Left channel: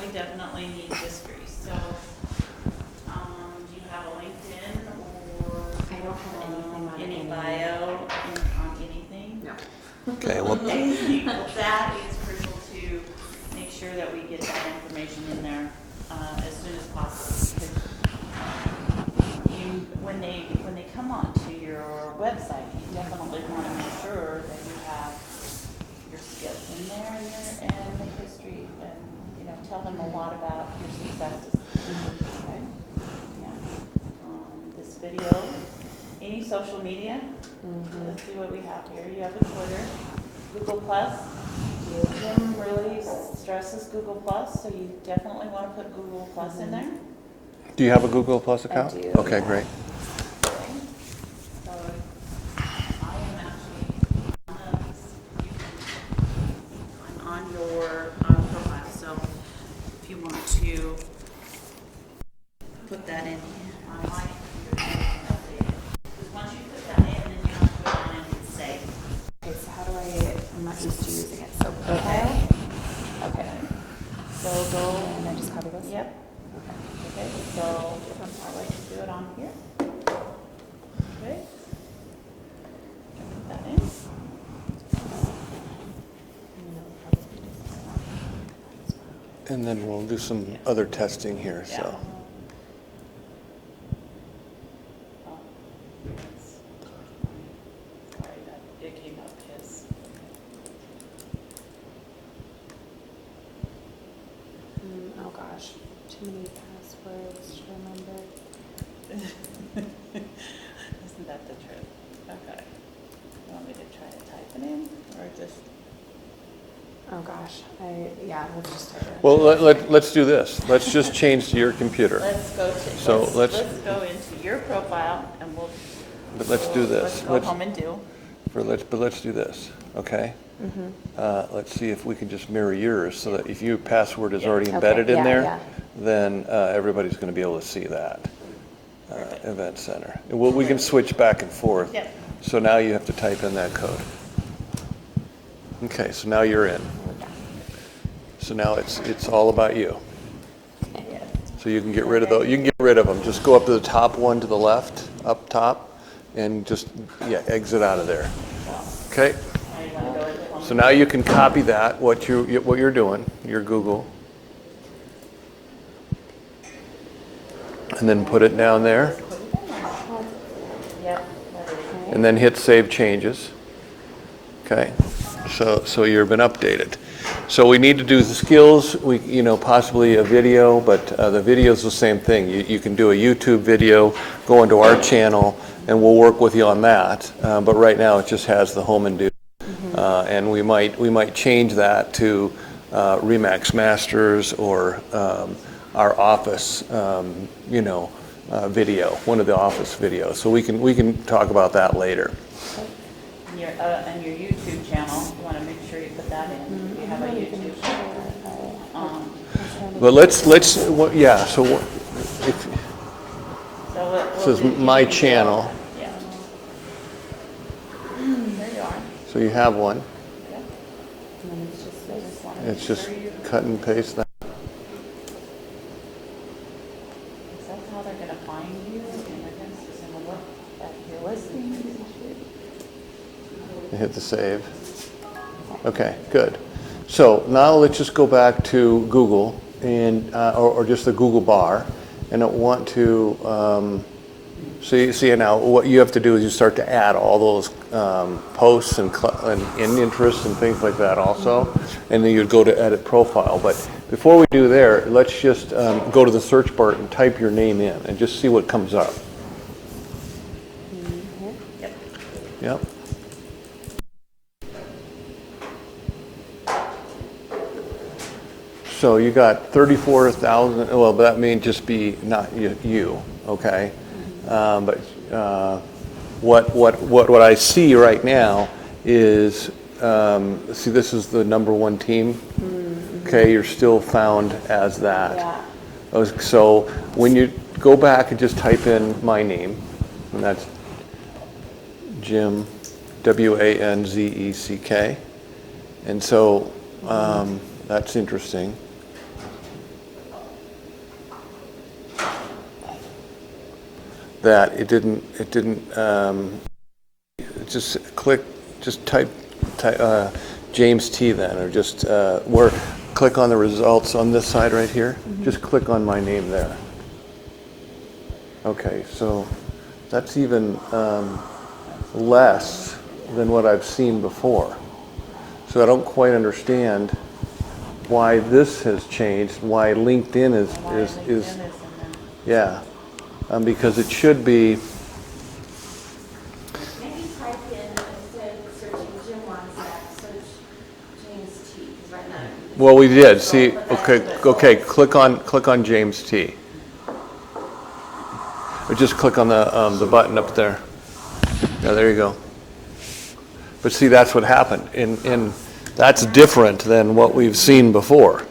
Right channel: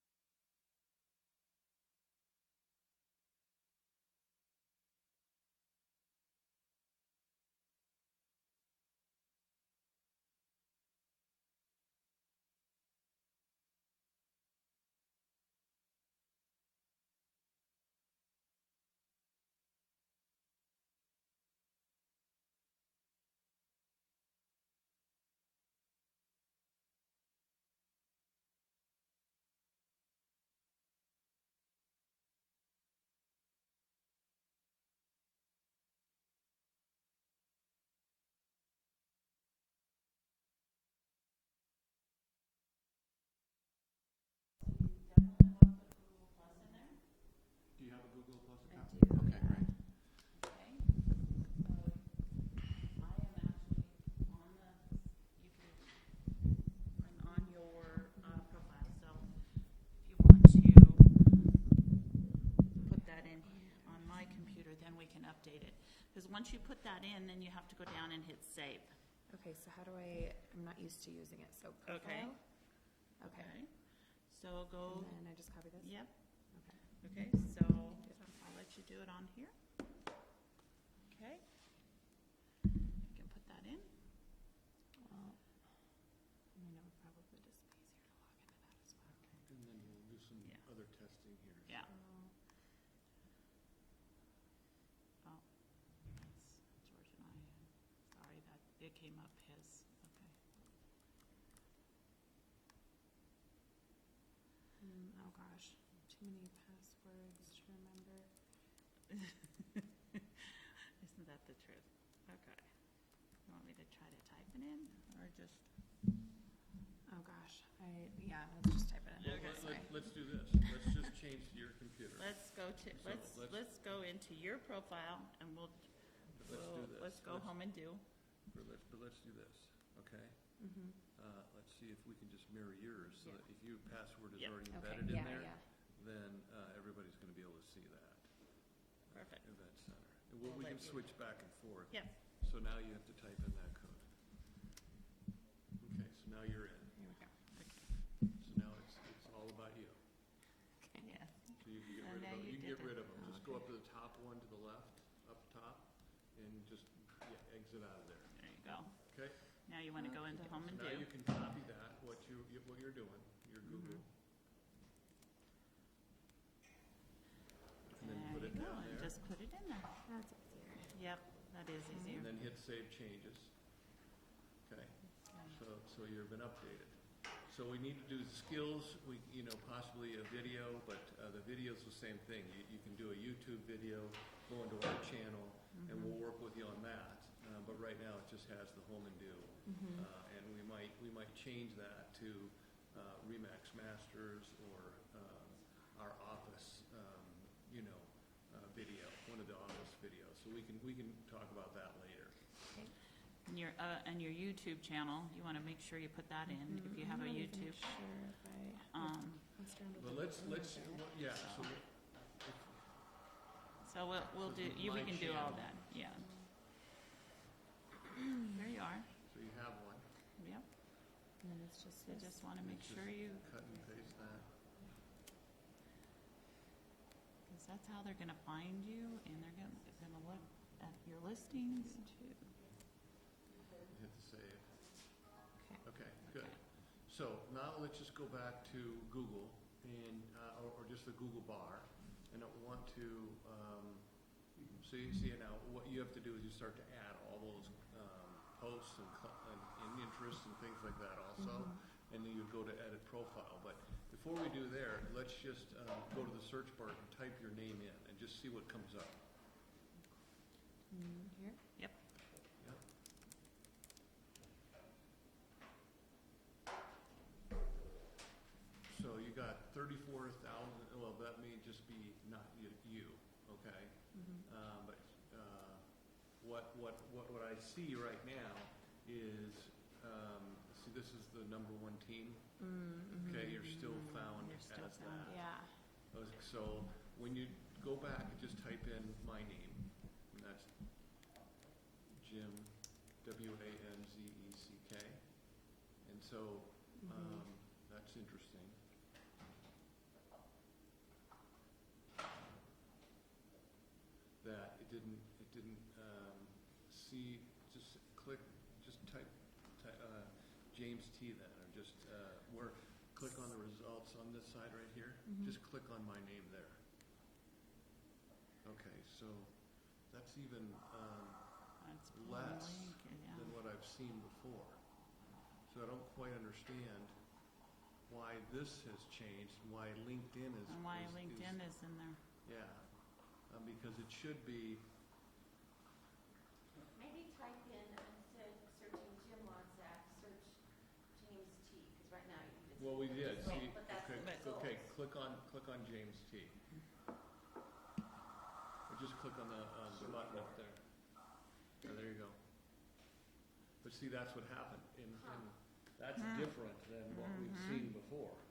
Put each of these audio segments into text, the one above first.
we definitely need history. So, do you have a LinkedIn or I don't have anything on any any. bio on anything? No. Okay, well, Okay, well, that is crucial to make sure that we get that information in there as soon as possible. Because when they come onto your website, you definitely want to make sure that you have your skills in there and the history, and tell them a lot about your successes. Okay? Yeah. This video, any social media. Let's see what we have here. You have a Twitter, Google Plus. Jim really stresses Google Plus, so you definitely want to put Google Plus in there. do you have a Google Plus account? I do. Okay, Yeah. great. Okay. So I am actually I'm on your profile. So if you want to put that in on my computer, you can update it. Because once you put that in, then you have to go on and hit save. Okay, so how do I'm not used to using it. So profile. Okay. So go. And then just copy this? Yep. Okay. Okay. So I like to do it on here. Okay. Put that in. And then we'll do some other testing here, Yeah. so. Oh, sorry, that it came up his. Oh gosh, too many passwords to remember. Isn't that the truth? Okay. You want me to try to type it in or just? Oh gosh, let's just type it in. Well, let's do this. Let's just change to your computer. Let's go to, So let's let's- go into your profile and we'll. But let's do this. Let's go home and do. But let's do this, okay? Let's see if we can just mirror yours so that if your password is already Okay, embedded in yeah, there, yeah. then everybody's going to be able to see that. Event center. And we can switch back and forth. Yep. So now you have to type in that code. Okay, so now you're in. So now it's all about you. Yes. So you can get rid of those. You can get rid of them. Just go up to the top one to the left, up top, and just exit out of there. Okay. Now you want to go into home. So now you can copy that what you're doing, your Google, and then put it down there, Yep. and then hit Save Changes. Okay. So you've been updated. So we need to do the skills, possibly a video, but the video is the same thing. You can do a YouTube video, go into our channel, and we'll work with you on that. But right now it just has the home and do. And we might change that to Remax Masters or our office, video, one of the office videos. So we can talk about that later. And your YouTube channel, you want to make sure you put that in. You have a YouTube channel. But yeah. So if So this is my channel, Yeah. There you are. so you have one. Yeah. And then it's just this. Just want to It's make just sure you, cut and paste that. is that how they're going to find you? And they're going to look at your listings. And hit the save. Okay, good. So now let's just go back to Google and or just the Google bar, and I want to see now what you have to do is you start to add all those posts and interests and things like that also, and then you'd go to edit profile. But before we do there, let's just go to the search bar and type your name in and just see what comes up. Yep. Yep. So you got 34,000. Well, that may just be not you, okay? But what I see right now is see, this is the #1 team. Okay, you're still found as that. Yeah. So when you go back and just type in my name, and that's Jim, Wanzeck, and so that's interesting. that it didn't, just click, just type James T then, or just, click on the results on this side right here. Just click on my name there. Okay, so that's even less than what I've seen before. So I don't quite understand why this has changed, why LinkedIn is yeah, because it should be. Maybe type in, instead of searching Jim Wanzak, search James T, because right now. Well, we did see. Okay. Click on James T. Or just click on the button up there. Yeah, there you go. But see, that's what happened, and that's different than what we've seen before.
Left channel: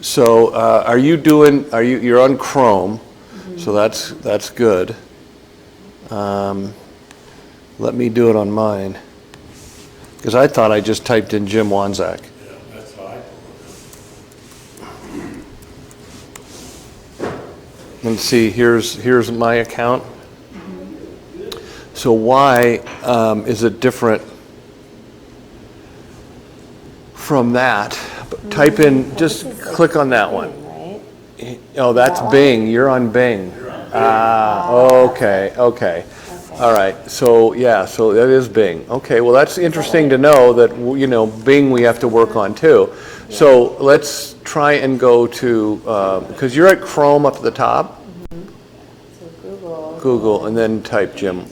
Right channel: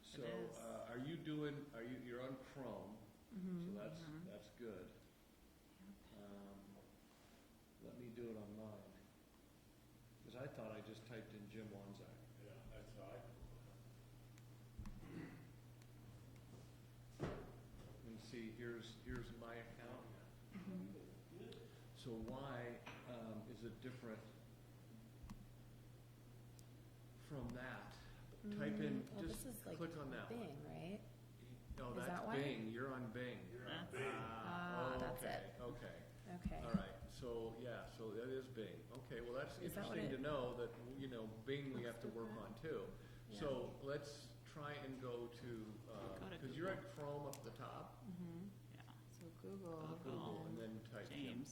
So, you're on Chrome, so that's good. Let me do it on mine, because I thought I just typed in Jim Wanzak. Yeah, that's how I pulled it. And see, here's my account. So why is it different from that? Type in, just click on that one. Right? Oh, that's Bing. You're on Bing. Okay. All right. So yeah, so that is Bing. Okay. Well, that's interesting to know that Bing we have to work on too. So let's try and go to because you're at Chrome up at the top. So Google. Google, and then type Jim.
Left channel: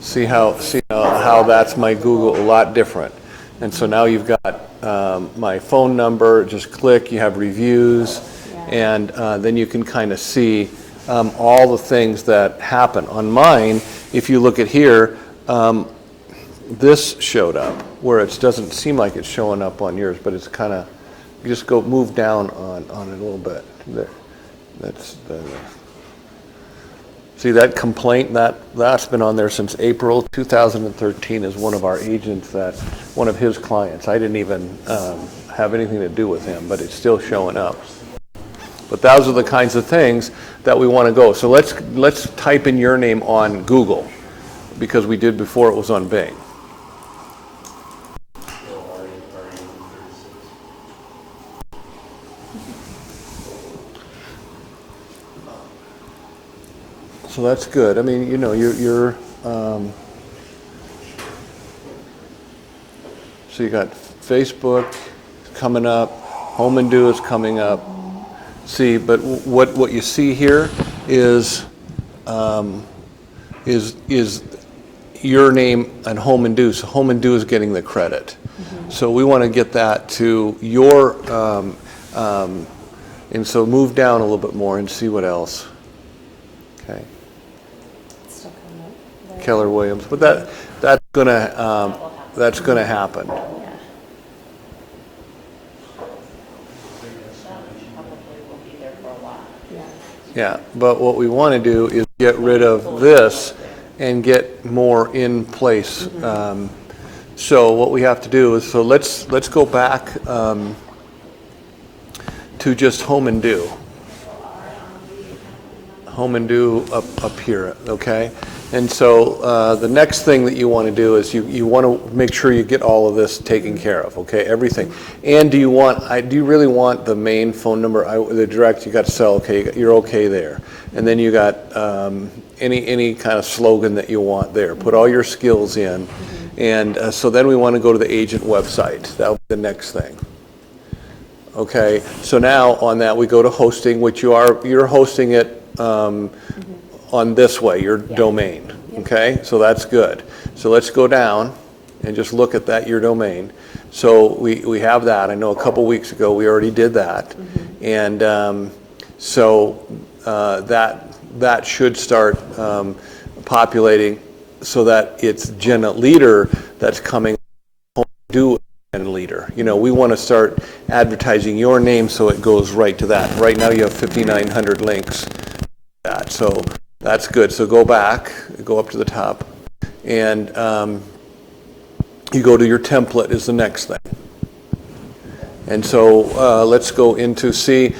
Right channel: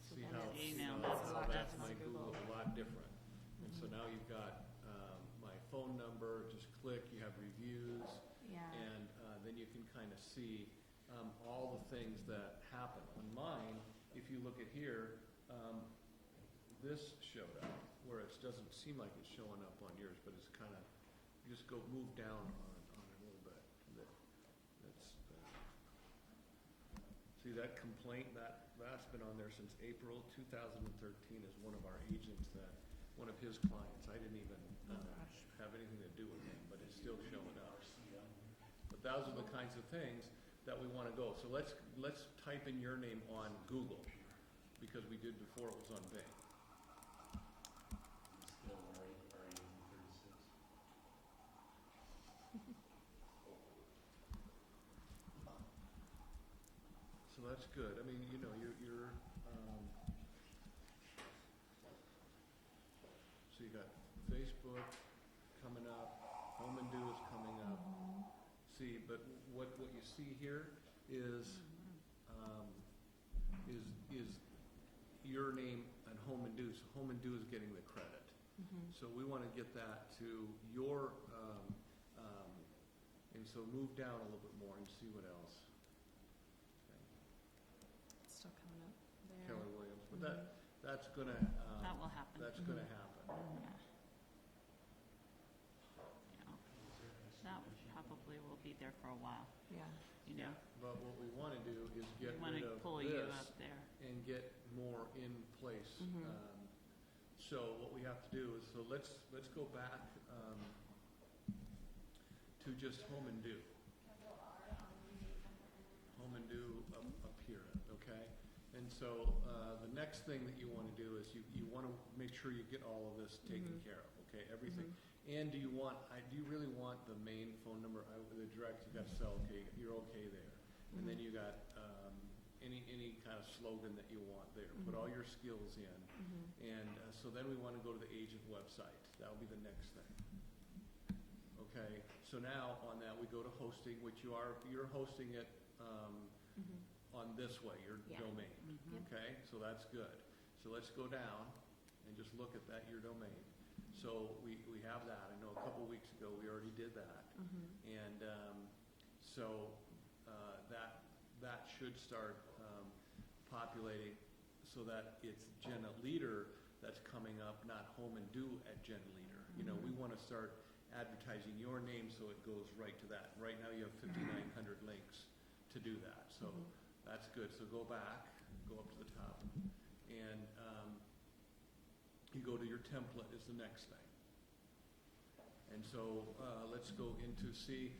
See how that's my Google, a lot different. And so now you've got my phone number, just click, you have reviews, and then you can kind of see all the things that happen. On mine, if you look at here, this showed up, where it doesn't seem like it's showing up on yours, but it's kind of, you just go move down on it a little bit. There. That's the. See that complaint, that's been on there since April 2013 as one of our agents, one of his clients. I didn't even have anything to do with him, but it's still showing up. But those are the kinds of things that we want to go. So let's type in your name on Google, because we did before it was on Bing. So that's good. I mean, you're so you got Facebook coming up, Home and Do is coming up. See, but what you see here is your name and Home and Do. So Home and Do is getting the credit. So we want to get that to your, and so move down a little bit more and see what else. Okay. Still coming up. Keller Williams, but that's gonna happen. Probably will be there for a while. Yeah. Yeah, but what we want to do is get rid of this and get more in place. So what we have to do is, so let's go back to just Home and Do. Home and Do up here, okay? And so the next thing that you want to do is you want to make sure you get all of this taken care of, okay? Everything. And do you really want the main phone number, the direct, you got to sell, okay, you're okay there. And then you got any kind of slogan that you want there. Put all your skills in. And so then we want to go to the agent website. That'll be the next thing. Okay, so now on that we go to hosting, which you're hosting it on this way, your domain, okay? So that's good. So let's go down and just look at that, your domain. So we have that. I know a couple weeks ago we already did that. And so that should start populating so that it's Gen Leader that's coming up, not Home and Do Gen Leader. We want to start advertising your name so it goes right to that. Right now you have 5,900 links to do that. So that's good. So go back, go up to the top, and you go to your template is the next thing. And so let's go into see,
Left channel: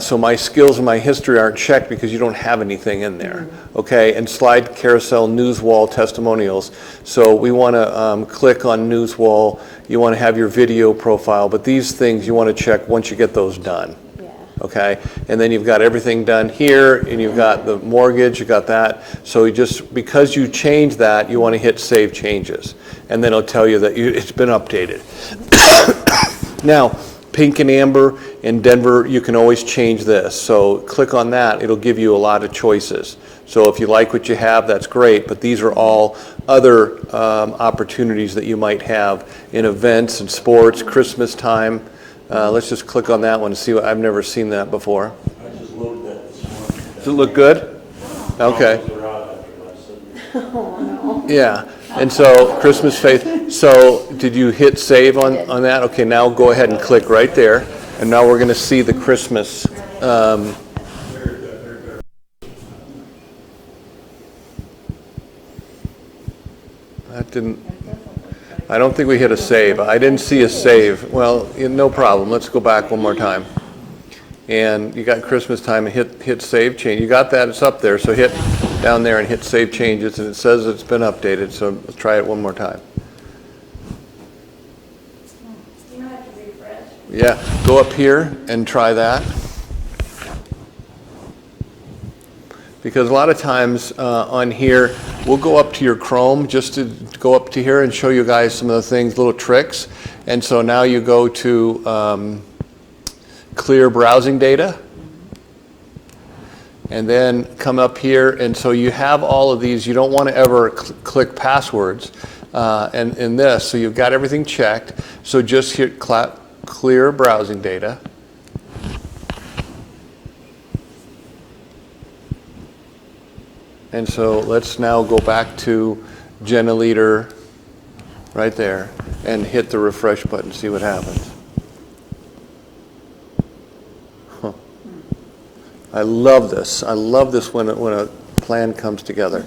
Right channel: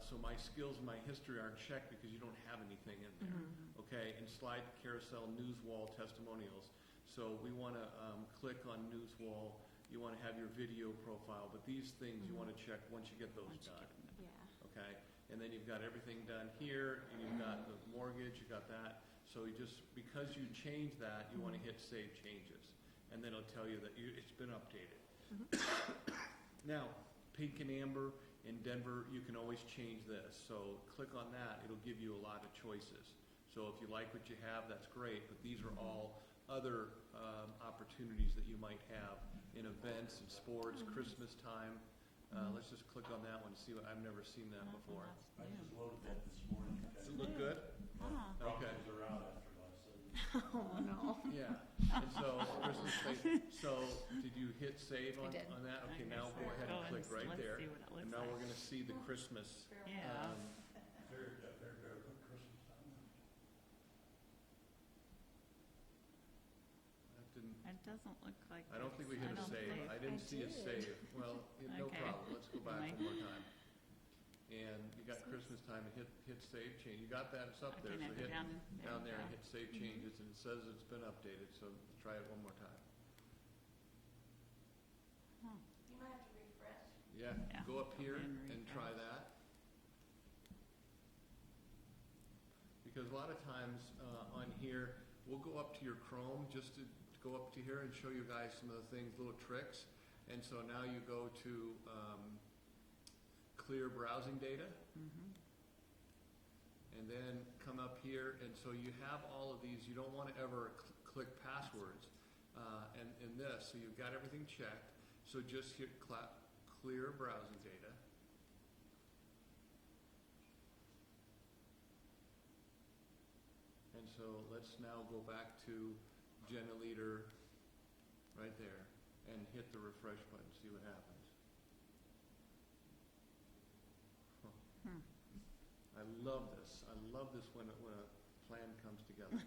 so my skills and my history aren't checked because you don't have anything in there, okay? And slide carousel news wall testimonials. So we want to click on news wall. You want to have your video profile, but these things you want to check once you get those done. Yeah. Okay, and then you've got everything done here, and you've got the mortgage, you got that. So you just, because you changed that, you want to hit Save Changes, and then it'll tell you that it's been updated. Now, pink and amber in Denver, you can always change this. So click on that, it'll give you a lot of choices. So if you like what you have, that's great, but these are all other opportunities that you might have in events and sports, Christmas time. Let's just click on that one and see what, I've never seen that before. I just loaded that this morning. Does it look good? Okay. They're out after last Oh, no. Yeah, and so Christmas faith, so did you hit save on that? Okay, now go ahead and click right there, and now we're going to see the Christmas. That didn't, I don't think we hit a save. I didn't see a save. Well, no problem. Let's go back one more time. And you got Christmas time and hit save change. You got that, it's up there, so hit down there and hit save changes, and it says it's been updated, so let's try it one more time. You might have to refresh. Yeah, go up here and try that. Because a lot of times on here, we'll go up to your Chrome just to go up to here and show you guys some of the things, little tricks. And so now you go to clear browsing data. And then come up here, and so you have all of these. You don't want to ever click passwords in this. So you've got everything checked. So just hit clear browsing data. And so let's now go back to Jenna Leader right there and hit the refresh button, see what happens. Huh. I love this. I love this when a plan comes together.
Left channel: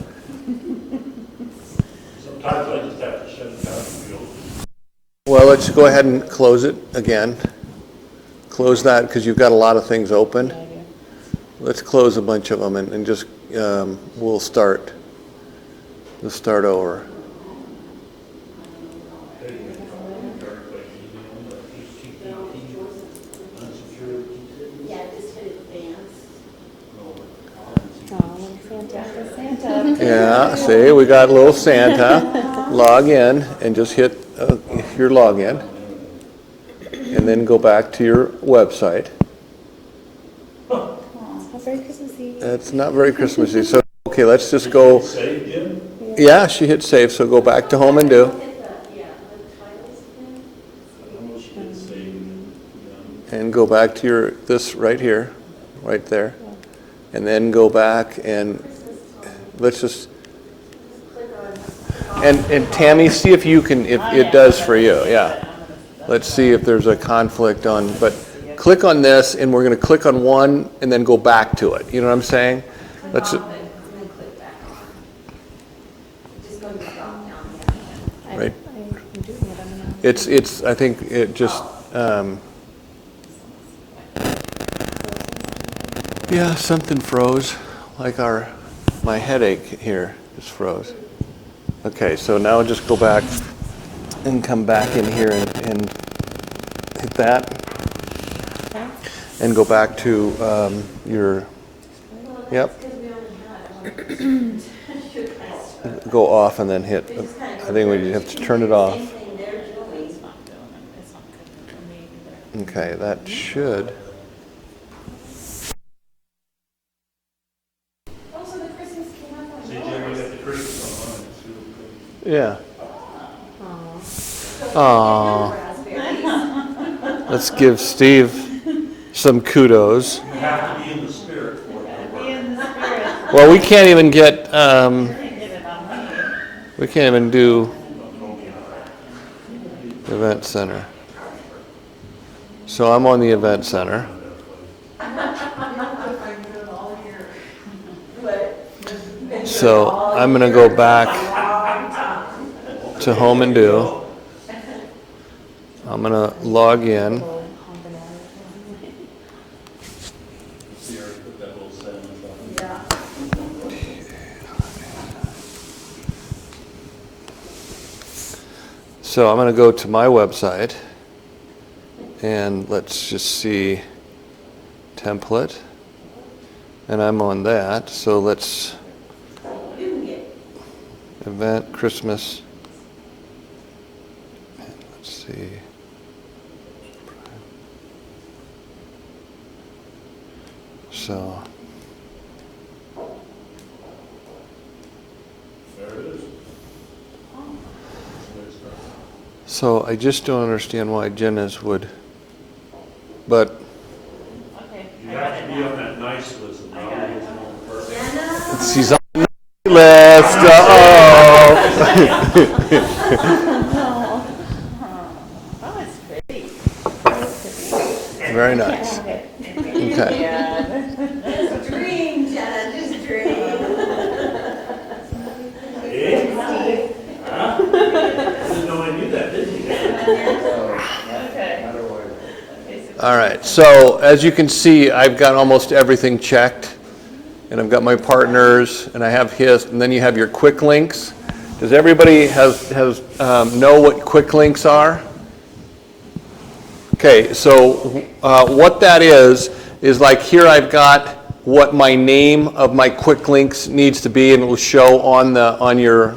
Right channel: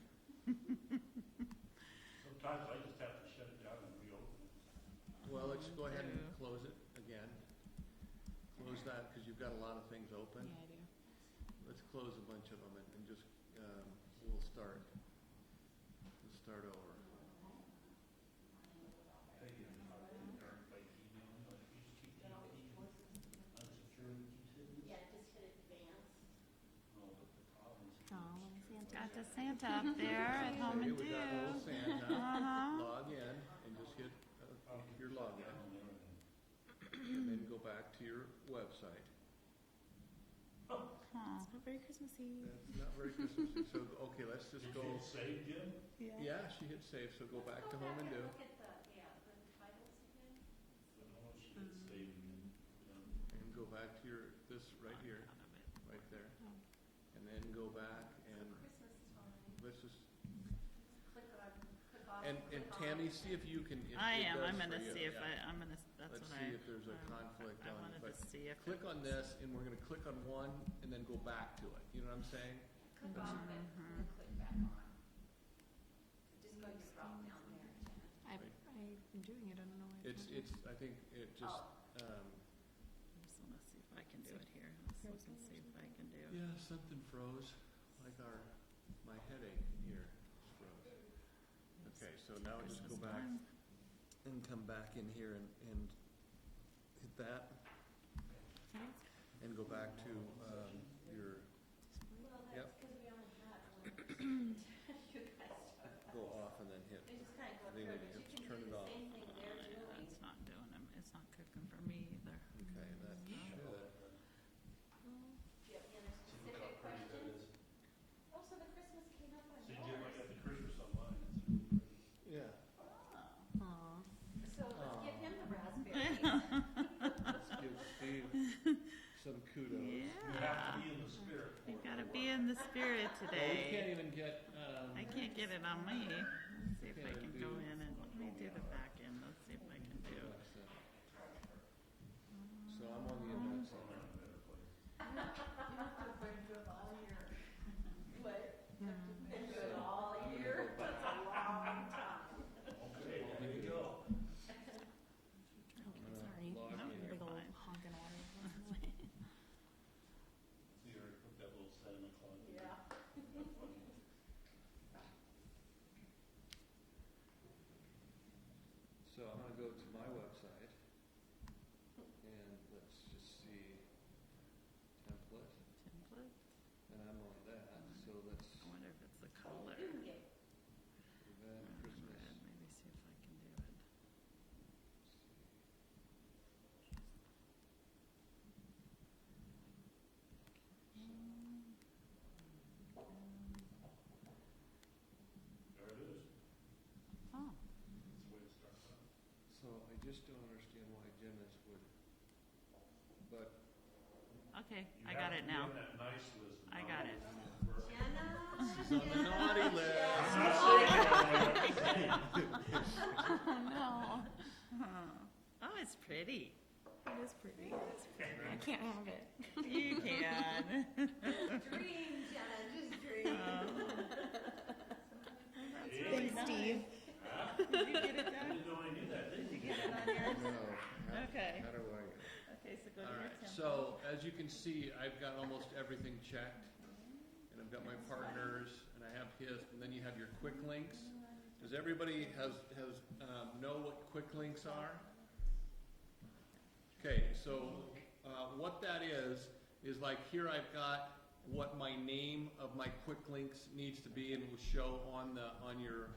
Sometimes I just have to shut it down and feel. Well, let's go ahead and close it again. Close that because you've got a lot of things open. Let's close a bunch of them and just we'll start. Let's start over. Yeah, just hit advance. Santa. Yeah, see, we got a little Santa. Log in and just hit your login. And then go back to your website. Very Christmassy. It's not very Christmassy. So, okay, let's just go. Save again? Yeah, she hit save, so go back to home and do. I know she did save. And go back to this right here, right there. And then go back and let's just, and Tammy, see if you can, if it does for you, yeah. Let's see if there's a conflict on, but click on this and we're going to click on one and then go back to it. You know what I'm saying? Let's. And then click back. Just go to the drop down. Right. It's, I think it just, yeah, something froze, like my headache here just froze. Okay, so now just go back and come back in here and hit that. And go back to your, yep. Go off and then hit, I think we have to turn it off. Okay, that should. See, Jen, we got the Christmas on it. Yeah. Aww. Let's give Steve some kudos. You have to be in the spirit for it. Be in the spirit. Well, we can't even get, Get it on me. we can't even do event center. So I'm on the event center. So I'm going to go back to home and do. I'm going to log in. So I'm going to go to my website, and let's just see template, and I'm on that. So let's event Christmas. And let's see. So There it is. So I just don't understand why Jenna's would, but Okay, You I got have it to be now. on that nice list and not the original person. Jenna? she's on the naughty list. No. Oh, it's pretty. Uh-oh. Very nice. Okay. Okay. Yeah. Just dream, Jenna, just dream. Hey? Huh? Didn't know I knew that, didn't you? Okay. All right. So as you can see, I've got almost everything checked, and I've got my partners, and I have his, and then you have your quick links. Does everybody know what quick links are? Okay, so what that is like here I've got what my name of my quick links needs to be, and it will show on your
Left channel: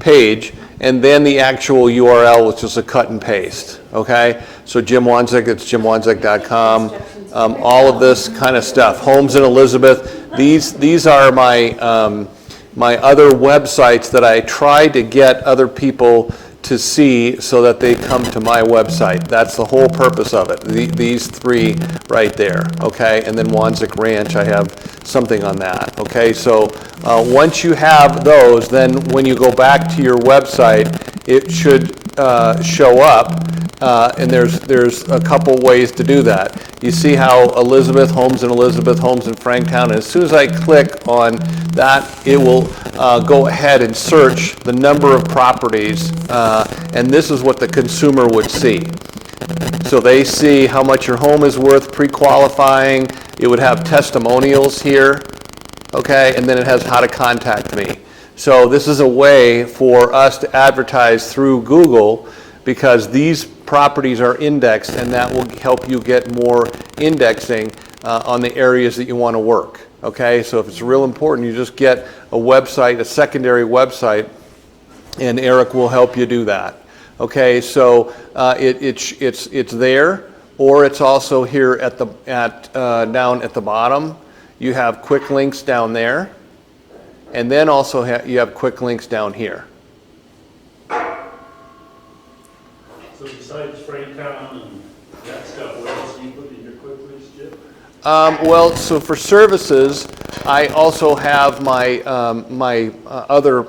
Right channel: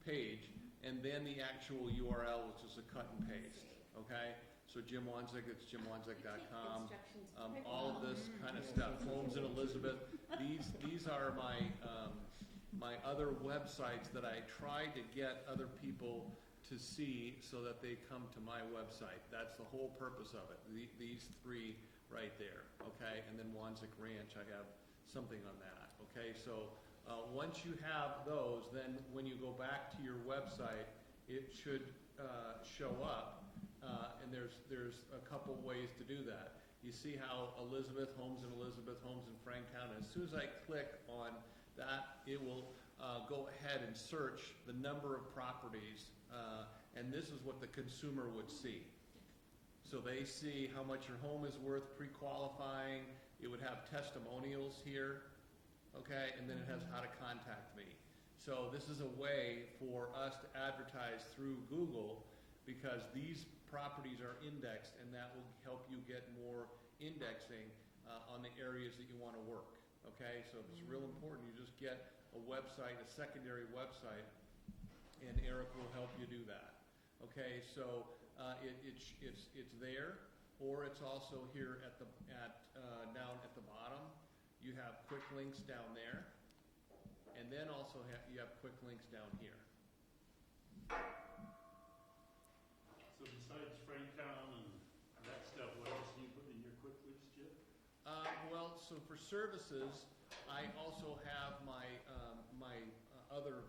page, and then the actual URL, which is a cut and paste. Okay, so Jim Wanzek, it's jimwanzek.com. All of this kind of stuff. Homes in Elizabeth. These are my my other websites that I try to get other people to see so that they come to my website. That's the whole purpose of it. These three right there, okay? And then Wanzek Ranch, I have something on that, okay? So once you have those, then when you go back to your website, it should show up, and there's a couple ways to do that. You see how Elizabeth, Homes in Franktown, and as soon as I click on that, it will go ahead and search the number of properties, and this is what the consumer would see. So they see how much your home is worth pre-qualifying. It would have testimonials here, okay, and then it has how to contact me. So this is a way for us to advertise through Google, because these properties are indexed, and that will help you get more indexing on the areas that you want to work. Okay, so if it's real important, you just get a website, a secondary website, and Eric will help you do that. Okay, so it's there, or it's also here down at the bottom. You have quick links down there, and then also you have quick links down here. So besides Franktown and that stuff, what else do you put in your quick links, Jim? Well, so for services, I also have my other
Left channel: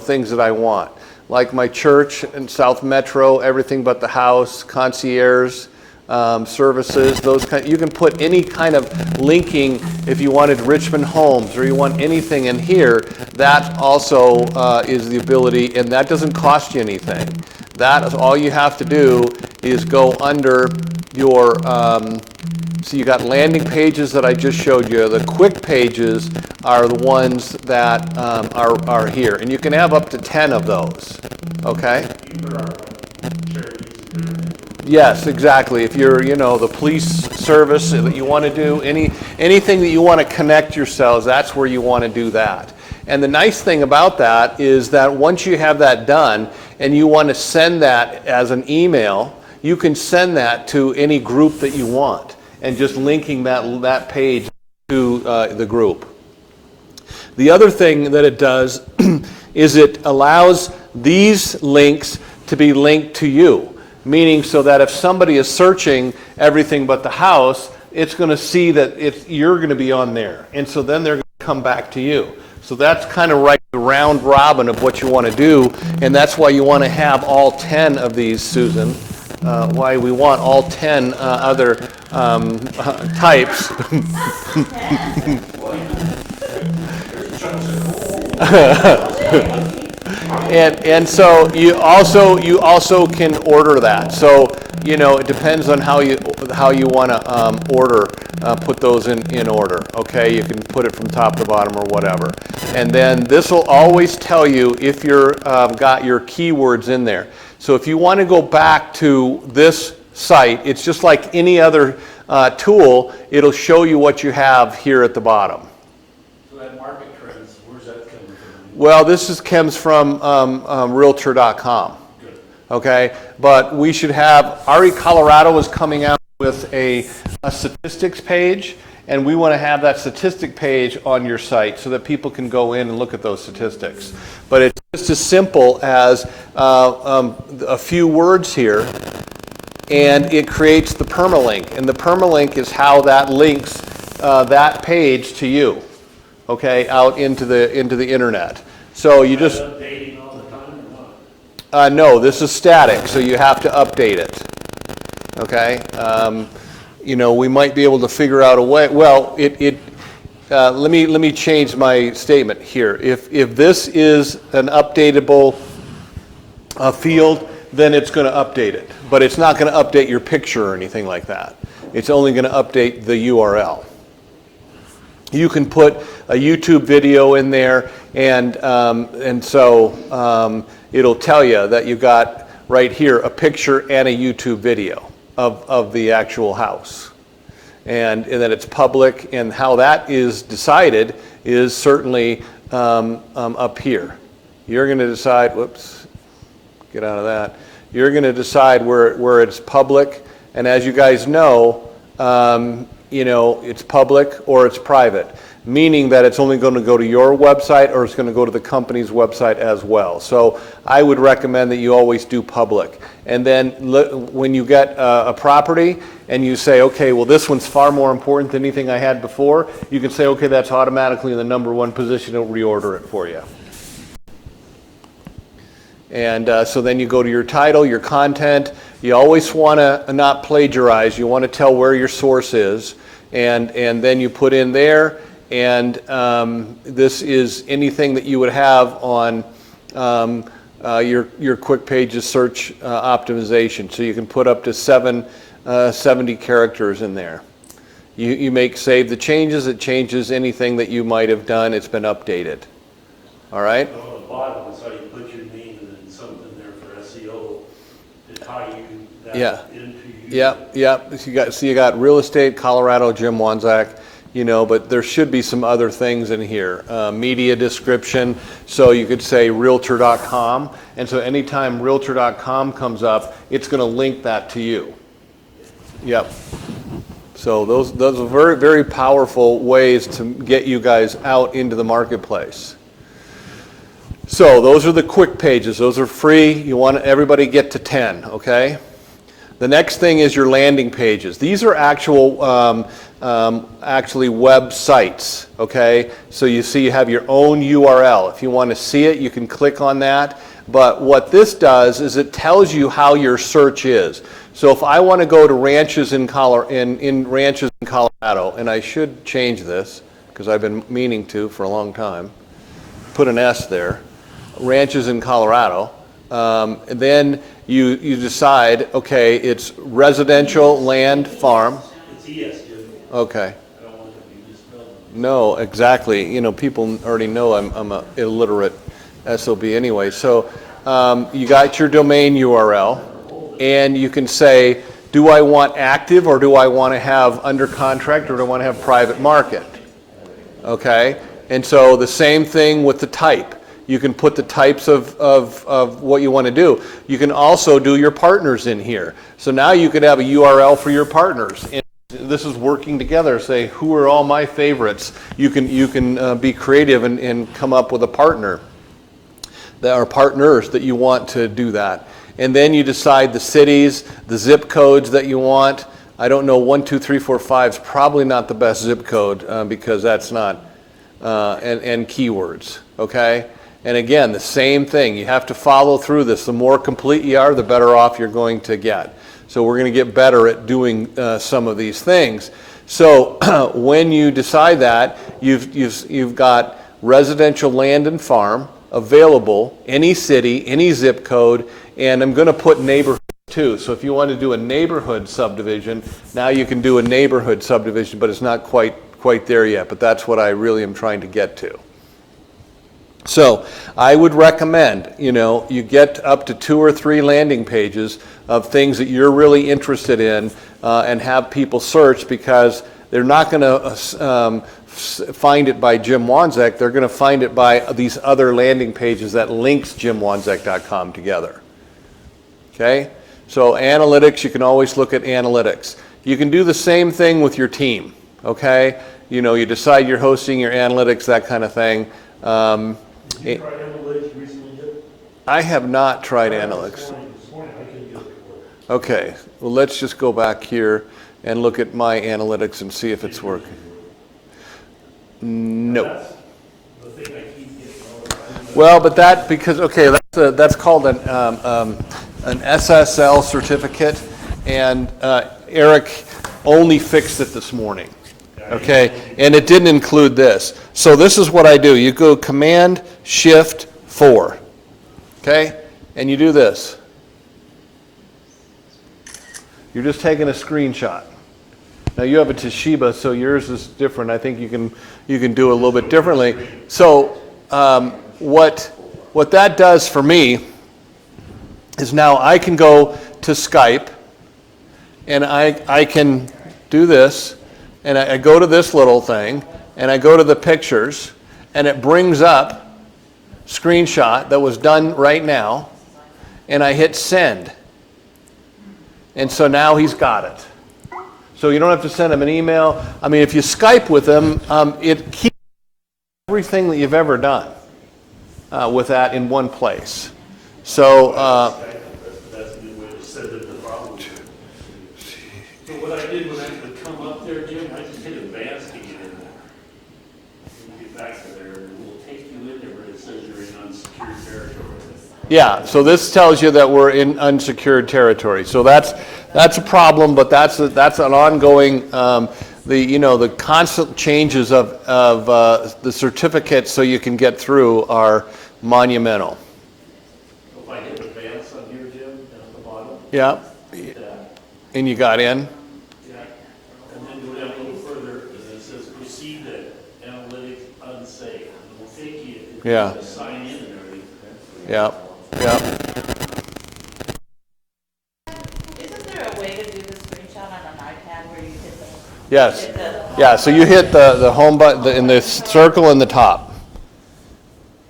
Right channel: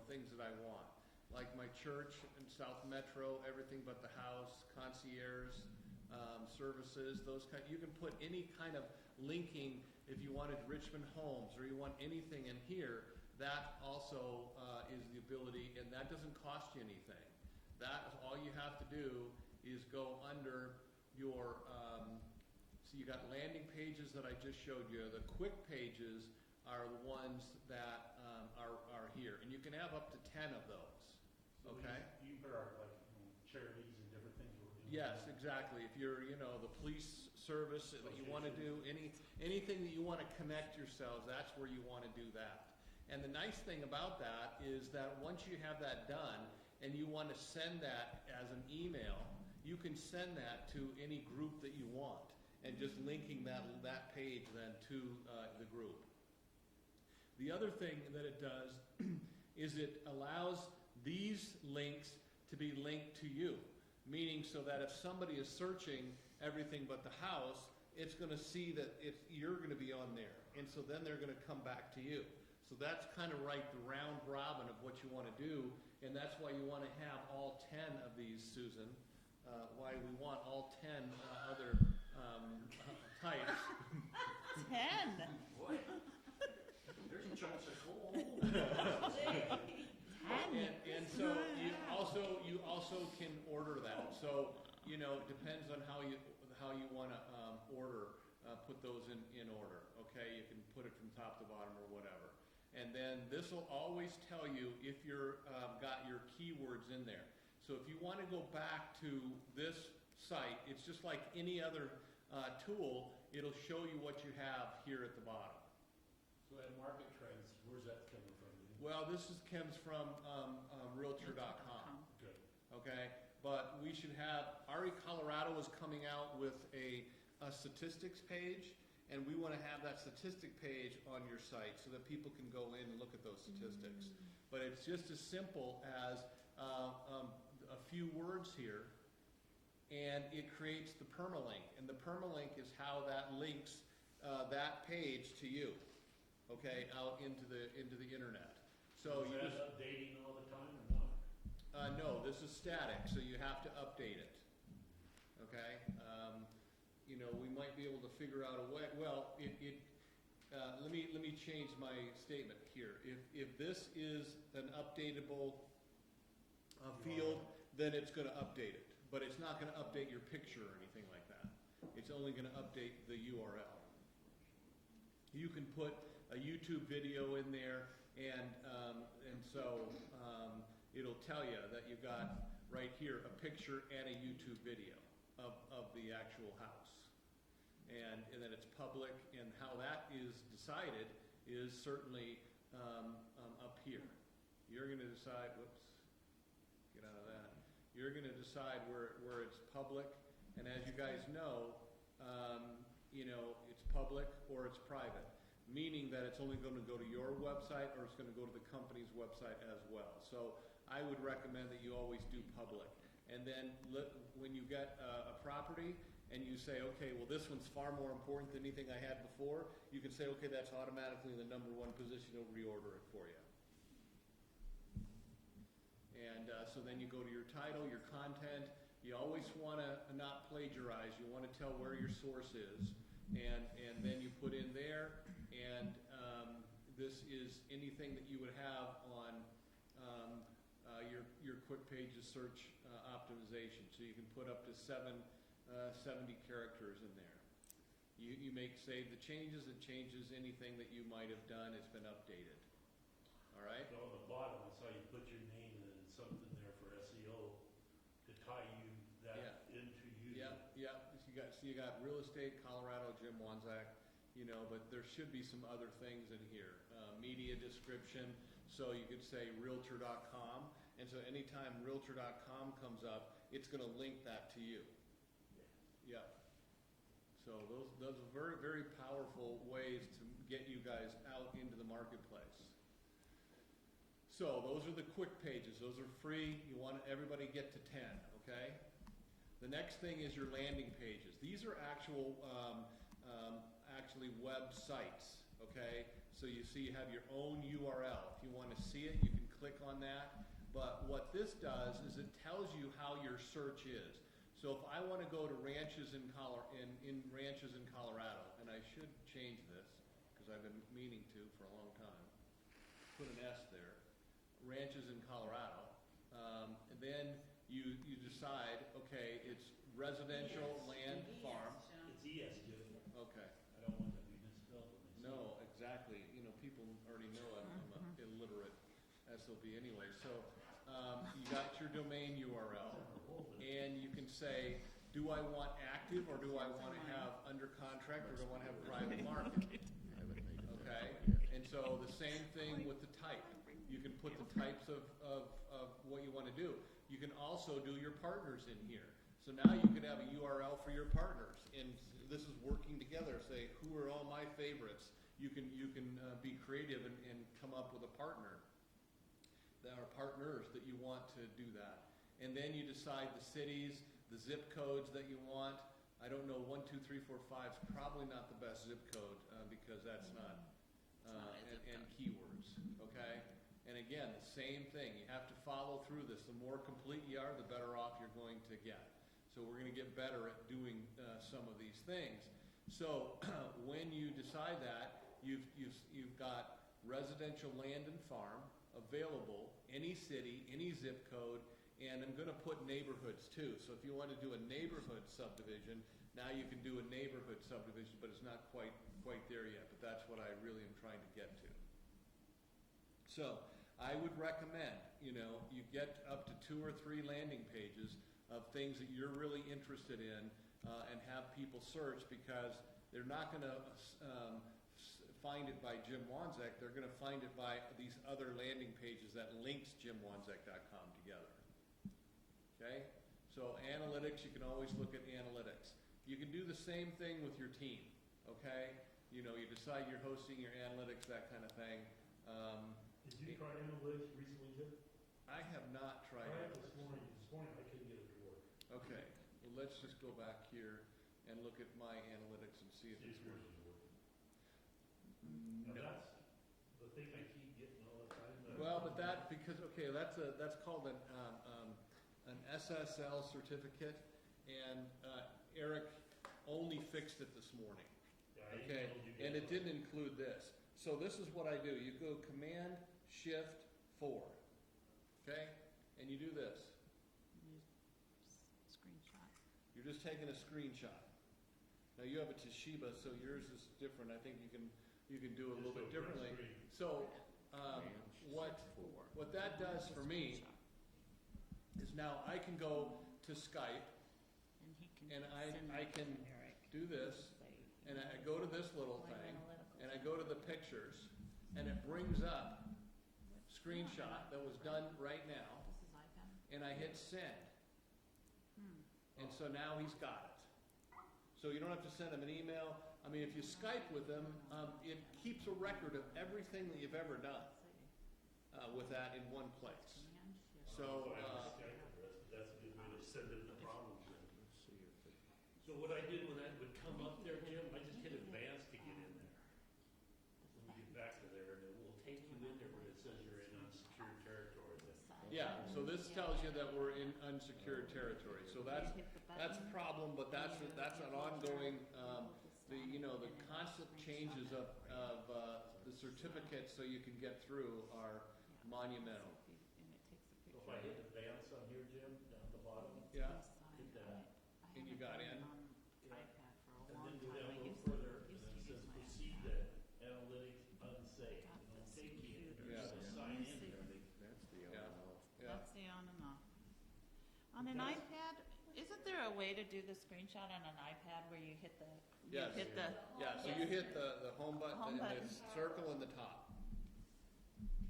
things that I want, like my church and South Metro, everything but the house, concierge services. Those kind. You can put any kind of linking if you wanted Richmond Homes or you want anything in here. That also is the ability, and that doesn't cost you anything. That is all you have to do is go under your. So you got landing pages that I just showed you. The quick pages are the ones that are here, and you can have up to 10 of those. Okay. Yes, exactly. If you're, the police service that you want to do, anything that you want to connect yourselves, that's where you want to do that. And the nice thing about that is that once you have that done and you want to send that as an email, you can send that to any group that you want, and just linking that page to the group. The other thing that it does is it allows these links to be linked to you, meaning so that if somebody is searching everything but the house, it's going to see that you're going to be on there, and so then they're going to come back to you. So that's kind of right the round robin of what you want to do, and that's why you want to have all 10 of these, Susan. Why we want all 10 other types. And so you also can order that. So, you know, it depends on how you want to put those in order. Okay, you can put it from top to bottom or whatever. And then this will always tell you if you're got your keywords in there. So if you want to go back to this site, it's just like any other tool. It'll show you what you have here at the bottom. So that market trends, where's that coming from? Well, comes from Realtor.com. Good. Okay, but we should have, RE Colorado is coming out with a statistics page, and we want to have that statistic page on your site so that people can go in and look at those statistics. But it's just as simple as a few words here, and it creates the permalink, and the permalink is how that links that page to you, okay, out into the internet. So you just Updating all the time or not? no, this is static, so you have to update it. Okay, you know, we might be able to figure out a way. Well, let me change my statement here. If this is an updatable field, then it's going to update it, but it's not going to update your picture or anything like that. It's only going to update the URL. You can put a YouTube video in there, and so it'll tell you that you got right here a picture and a YouTube video of the actual house, and that it's public. And how that is decided is certainly up here. You're going to decide. Whoops, get out of that. You're going to decide where it's public, and as you guys know. You know, it's public or it's private, meaning that it's only going to go to your website or it's going to go to the company's website as well. So I would recommend that you always do public. And then when you get a property and you say, okay, well, this one's far more important than anything I had before, you can say, okay, that's automatically in the #1 position, it'll reorder it for you. And so then you go to your title, your content. You always want to not plagiarize. You want to tell where your source is. And then you put in there, and this is anything that you would have on your quick pages search optimization. So you can put up to 70 characters in there. You save the changes. It changes anything that you might have done. It's been updated. All right? On the bottom, so you put your name and then something there for SEO to tie you that into you. Yep. So you got real estate, Colorado, Jim Wanzak, you know, but there should be some other things in here. Media description, so you could say Realtor.com, and so anytime Realtor.com comes up, it's going to link that to you. Yep. So those are very, very powerful ways to get you guys out into the marketplace. So those are the quick pages. Those are free. You want everybody get to 10, okay? The next thing is your landing pages. These are actually websites, okay? So you see you have your own URL. If you want to see it, you can click on that. But what this does is it tells you how your search is. So if I want to go to ranches in ranches in Colorado, and I should change this because I've been meaning to for a long time, put an S there. Ranches in Colorado, and then you decide, okay, it's residential land farm. It's ES, Jim. Okay. I don't want it to be misspelled. No, exactly. You know, people already know I'm an illiterate SOB anyway. So you got your domain URL, and you can say, do I want active, or do I want to have under contract, or do I want to have private market? Okay, and so the same thing with the type. You can put the types of what you want to do. You can also do your partners in here. So now you could have a URL for your partners. And this is working together. Say, who are all my favorites? You can be creative and come up with a partner. There are partners that you want to do that. And then you decide the cities, the zip codes that you want. I don't know, 1, 2, 3, 4, 5 is probably not the best zip code because that's not, and keywords, okay? And again, the same thing. You have to follow through this. The more complete you are, the better off you're going to get. So we're going to get better at doing some of these things. So when you decide that, you've got residential land and farm, available, any city, any zip code, and I'm going to put neighborhoods too. So if you want to do a neighborhood subdivision, now you can do a neighborhood subdivision, but it's not quite there yet, but that's what I really am trying to get to. So I would recommend, you get up to 2 or 3 landing pages of things that you're really interested in and have people search, because they're not going to find it by Jim Wanzek. They're going to find it by these other landing pages that links jimwanzek.com together. Okay? So analytics, you can always look at analytics. You can do the same thing with your team. Okay? You decide you're hosting your analytics, that kind of thing. Did you try analytics recently yet? I have not tried analytics. This morning I couldn't get it to work. Okay, well, let's just go back here and look at my analytics and see if it's working. No. That's the thing I keep getting all the time. Well, but that's called an SSL certificate, and Eric only fixed it this morning. Okay, and it didn't include this. So this is what I do. You go Command Shift 4, okay, and you do this. You're just taking a screenshot. Now you have a Toshiba, so yours is different. I think you can do it a little bit differently. So what that does for me is now I can go to Skype, and I can do this, and I go to this little thing, and I go to the pictures, and it brings up screenshot that was done right now, and I hit send. And so now he's got it. So you don't have to send him an email. I mean, if you Skype with him, it keeps a record of everything that you've ever done with that in one place. So That's a good way to set up the problem. So what I did when I would come up there, Jim, I just hit advance to get in there. When you get back to there, it will take you in there where it says you're in unsecured territory. yeah, so this tells you that we're in unsecured territory. So that's a problem, but that's an ongoing, the constant changes of the certificates so you can get through are monumental. If I hit advance on here, Jim, at the bottom, Yeah, that, and you got in? yeah, and then go down a little further, and it says proceed to analytics unsafe. It will take you Yeah. to sign in and everything. Yeah, yeah. On an iPad, isn't there a way to do the screenshot on an iPad where you hit the? Yes. hit the- Yeah, so you hit the home button in the circle in the top.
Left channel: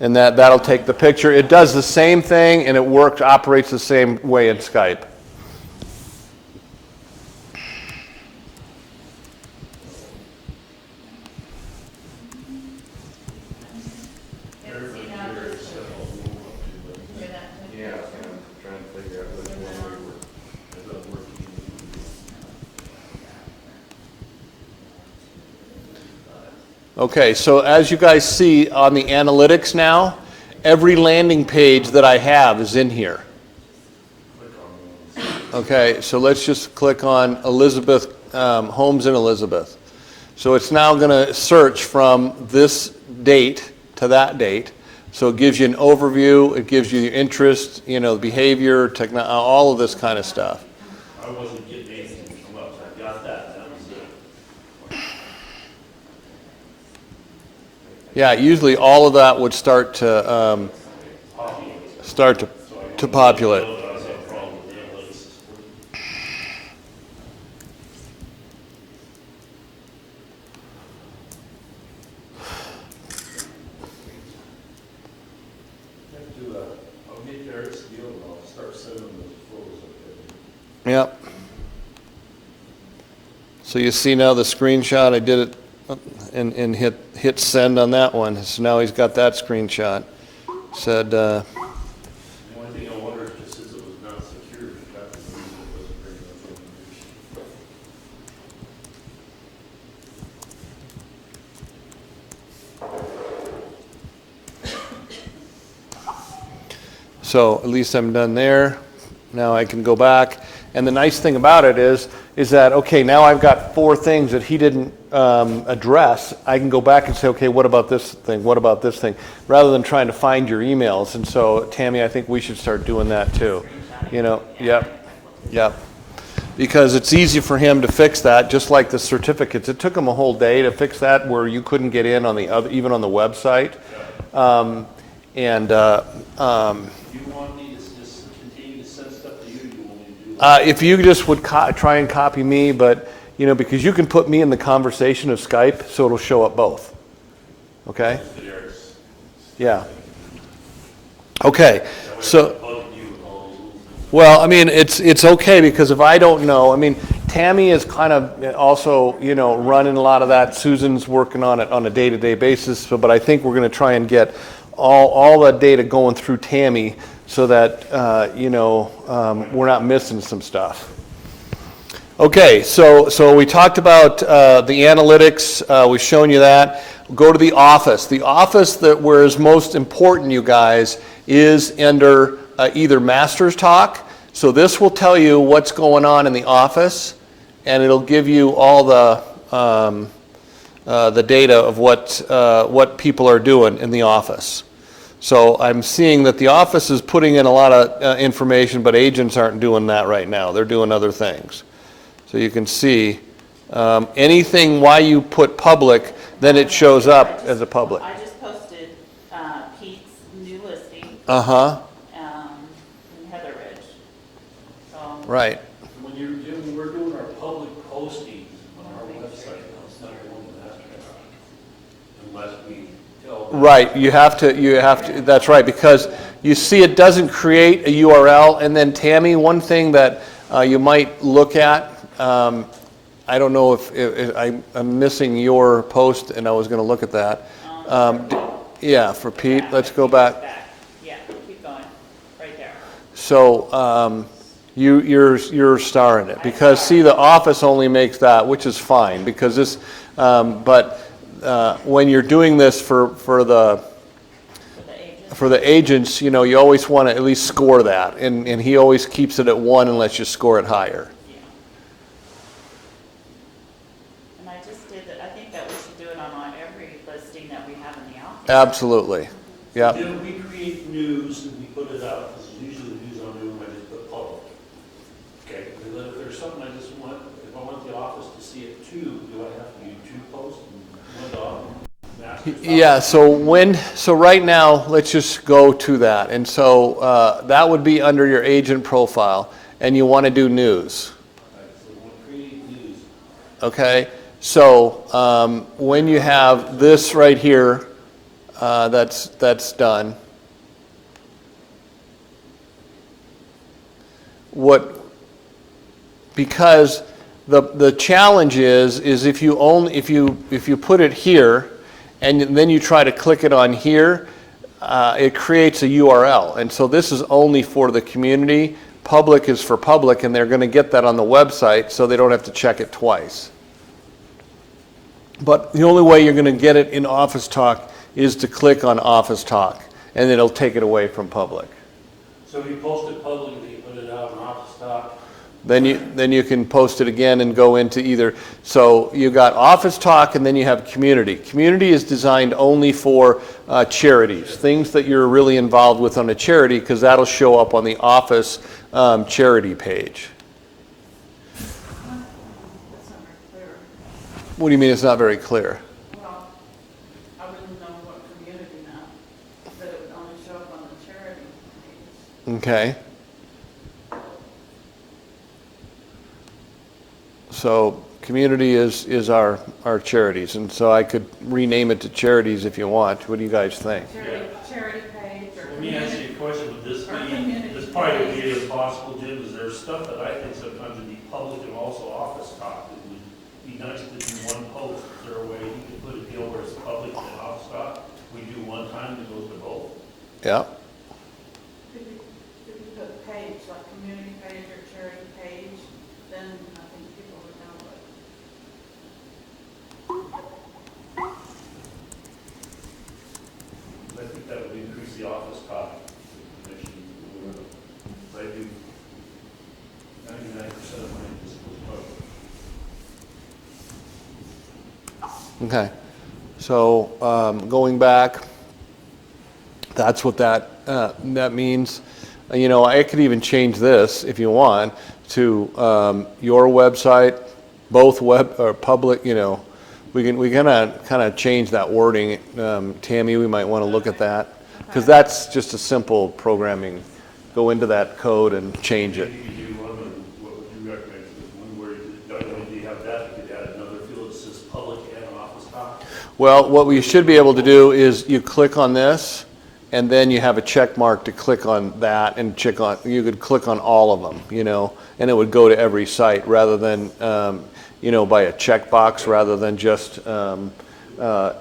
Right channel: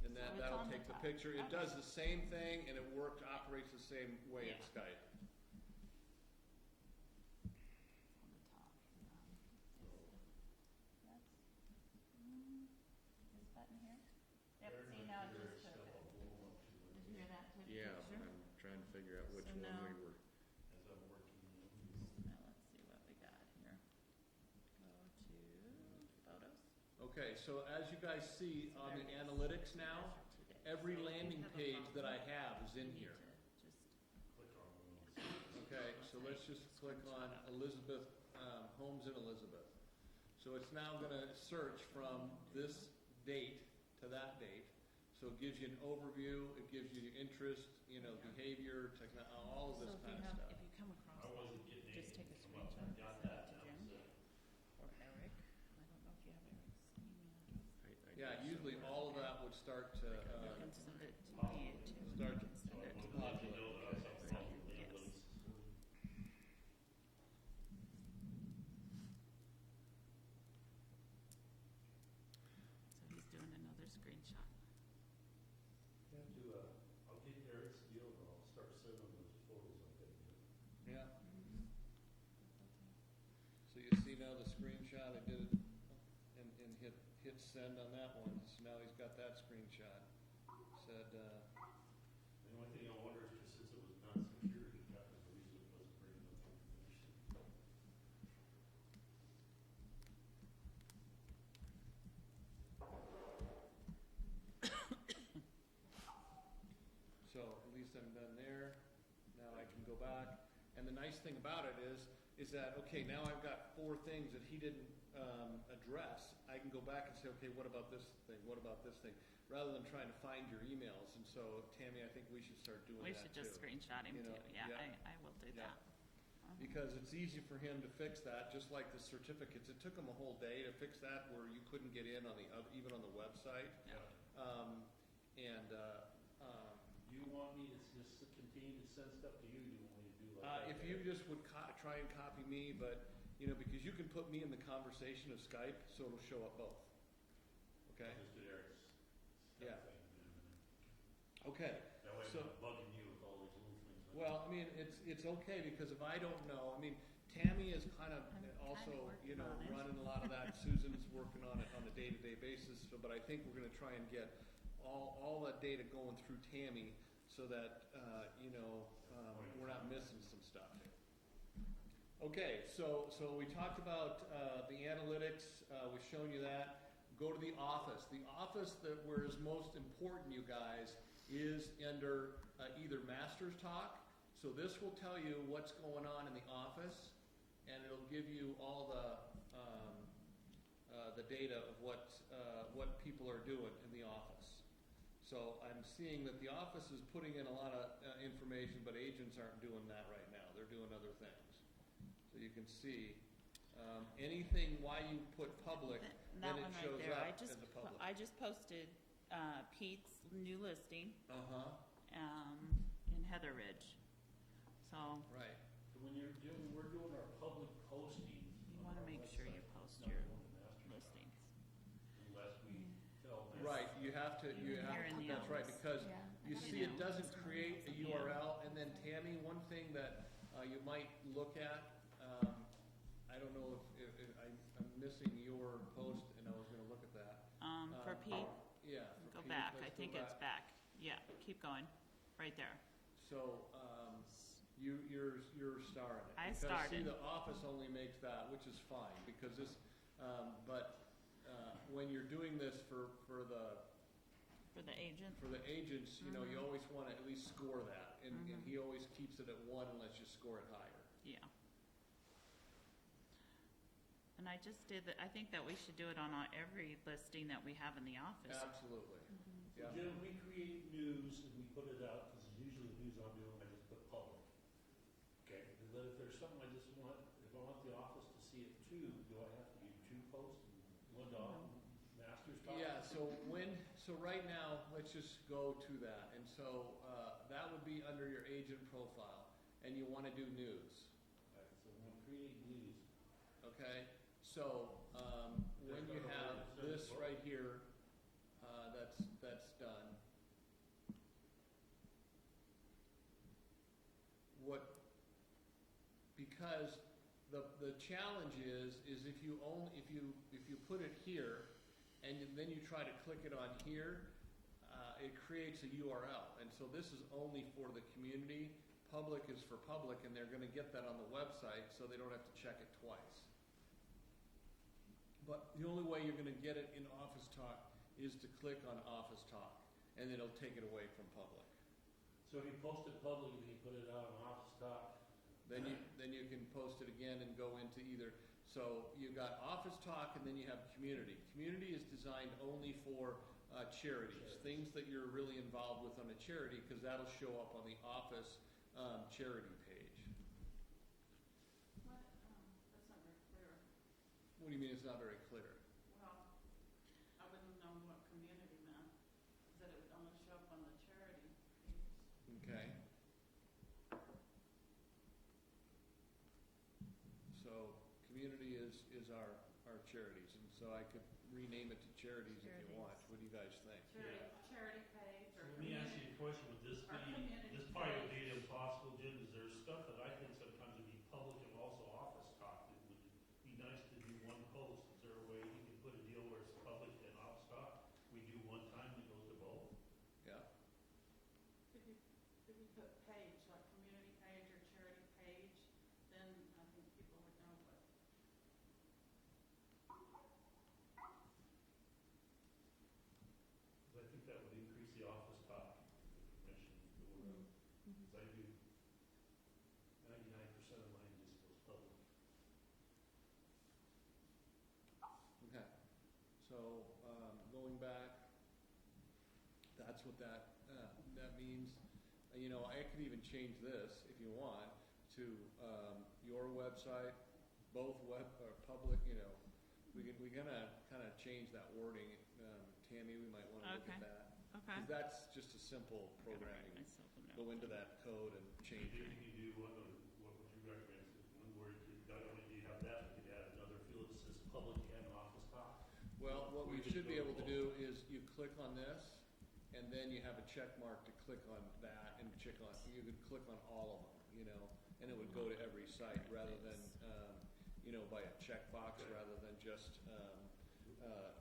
And that'll take the picture. It does the same thing, and it operates the same way in Skype. Okay, so as you guys see on the analytics now, every landing page that I have is in here. Okay, so let's just click on Elizabeth, Homes in Elizabeth. So it's now going to search from this date to that date. So it gives you an overview, it gives you your interest, behavior, all of this kind of stuff. I wasn't getting anything to come up, so I got that, that was it. Yeah, usually all of that would start to populate. I was having a problem with the analytics. I'll get Eric's deal and I'll start sending those photos up there. Yep. So you see now the screenshot, I did it and hit send on that one. So now he's got that screenshot. Said, The only thing I wonder is just since it was not secure, the fact that the reason it wasn't bringing up information. so at least I'm done there. Now I can go back And the nice thing about it is that, okay, now I've got 4 things that he didn't address. I can go back and say, okay, what about this thing? What about this thing? Rather than trying to find your emails. And so, Tammy, I think we should start doing that too. You know, yep. Because it's easy for him to fix that, just like the certificates. It took him a whole day to fix that, where you couldn't get in on the other, even on the website. Do you want me to just continue to send stuff to you, or do you want me to do that? If you just would try and copy me, but, you know, because you can put me in the conversation of Skype, so it'll show up both. Okay? Yeah. Okay, so, well, I mean, it's okay, because if I don't know, I mean, Tammy is kind of also, you know, running a lot of that. Susan's working on it on a day-to-day basis, but I think we're going to try and get all the data going through Tammy, so that, you know, we're not missing some stuff. Okay, so we talked about the analytics. We've shown you that. Go to the office. The office where is most important, you guys, is under either Master's Talk. So this will tell you what's going on in the office, and it'll give you all the data of what people are doing in the office. So I'm seeing that the office is putting in a lot of information, but agents aren't doing that right now. They're doing other things. So you can see anything why you put public, then it shows up as a public. I just posted Pete's new listing Uh-huh, in Heather Ridge. So right. When we're doing our public postings on our website, it's not going to Master Talk, unless we tell them. Right, you have to, that's right, because you see it doesn't create a URL. And then, Tammy, one thing that you might look at, I don't know if I'm missing your post, and I was going to look at that. Yeah, for Pete, let's go back. Yeah, keep going, right there. So you're starring it, because see, the office only makes that, which is fine, because this, but when you're doing this for the agents, you know, you always want to at least score that, and he always keeps it at 1 and lets you score it higher. Yeah. And I just did that. I think that we should do it on every listing that we have in the office. Absolutely. Yep. Then we create news and we put it out, because usually the news I'm doing, I just put public. Okay, and then if there's something I just want, if I want the office to see it too, do I have to do 2 posts and 1 dog? Yeah, so right now, let's just go to that. And so that would be under your agent profile, and you want to do news. All right, so we'll create news. Okay, so when you have this right here, that's done. Because the challenge is if you put it here, and then you try to click it on here, it creates a URL. And so this is only for the community. Public is for public, and they're going to get that on the website, so they don't have to check it twice. But the only way you're going to get it in Office Talk is to click on Office Talk, and it'll take it away from public. So if you post it publicly, you put it out in Office Talk. Then you can post it again and go into either. So you got Office Talk, and then you have Community. Community is designed only for charities, things that you're really involved with on a charity, because that'll show up on the Office charity page. That's not very clear. What do you mean it's not very clear? Well, I wouldn't know what community now, that it would only show up on the charity page. Okay. So community is our charities, and so I could rename it to charities if you want. What do you guys think? Charity page or. Let me ask you a question, would this Or be, community this probably would page. be impossible, Jim, is there stuff that I think sometimes would be public and also Office Talk? It would be nice to do 1 post, is there a way you could put a deal where it's public and Office Talk? We do 1 time and it goes to both? Yeah. If you put a page, like community page or charity page, then I think people would know what. I think that would increase the Office Talk information. I do 99% Okay. So going back, that's what that means. You know, I could even change this if you want to your website, both web or public. You know, we kind of change that wording. Tammy, we might want to look at that because that's just a simple programming. Go into that code and change it. You do one, and what would you recommend? One where not only do you have that, you could add another field that says public and office top. Well, what we should be able to do is you click on this, and then you have a check mark to click on that, and you could click on all of them, you know, and it would go to every site rather than, you know, by a checkbox rather than just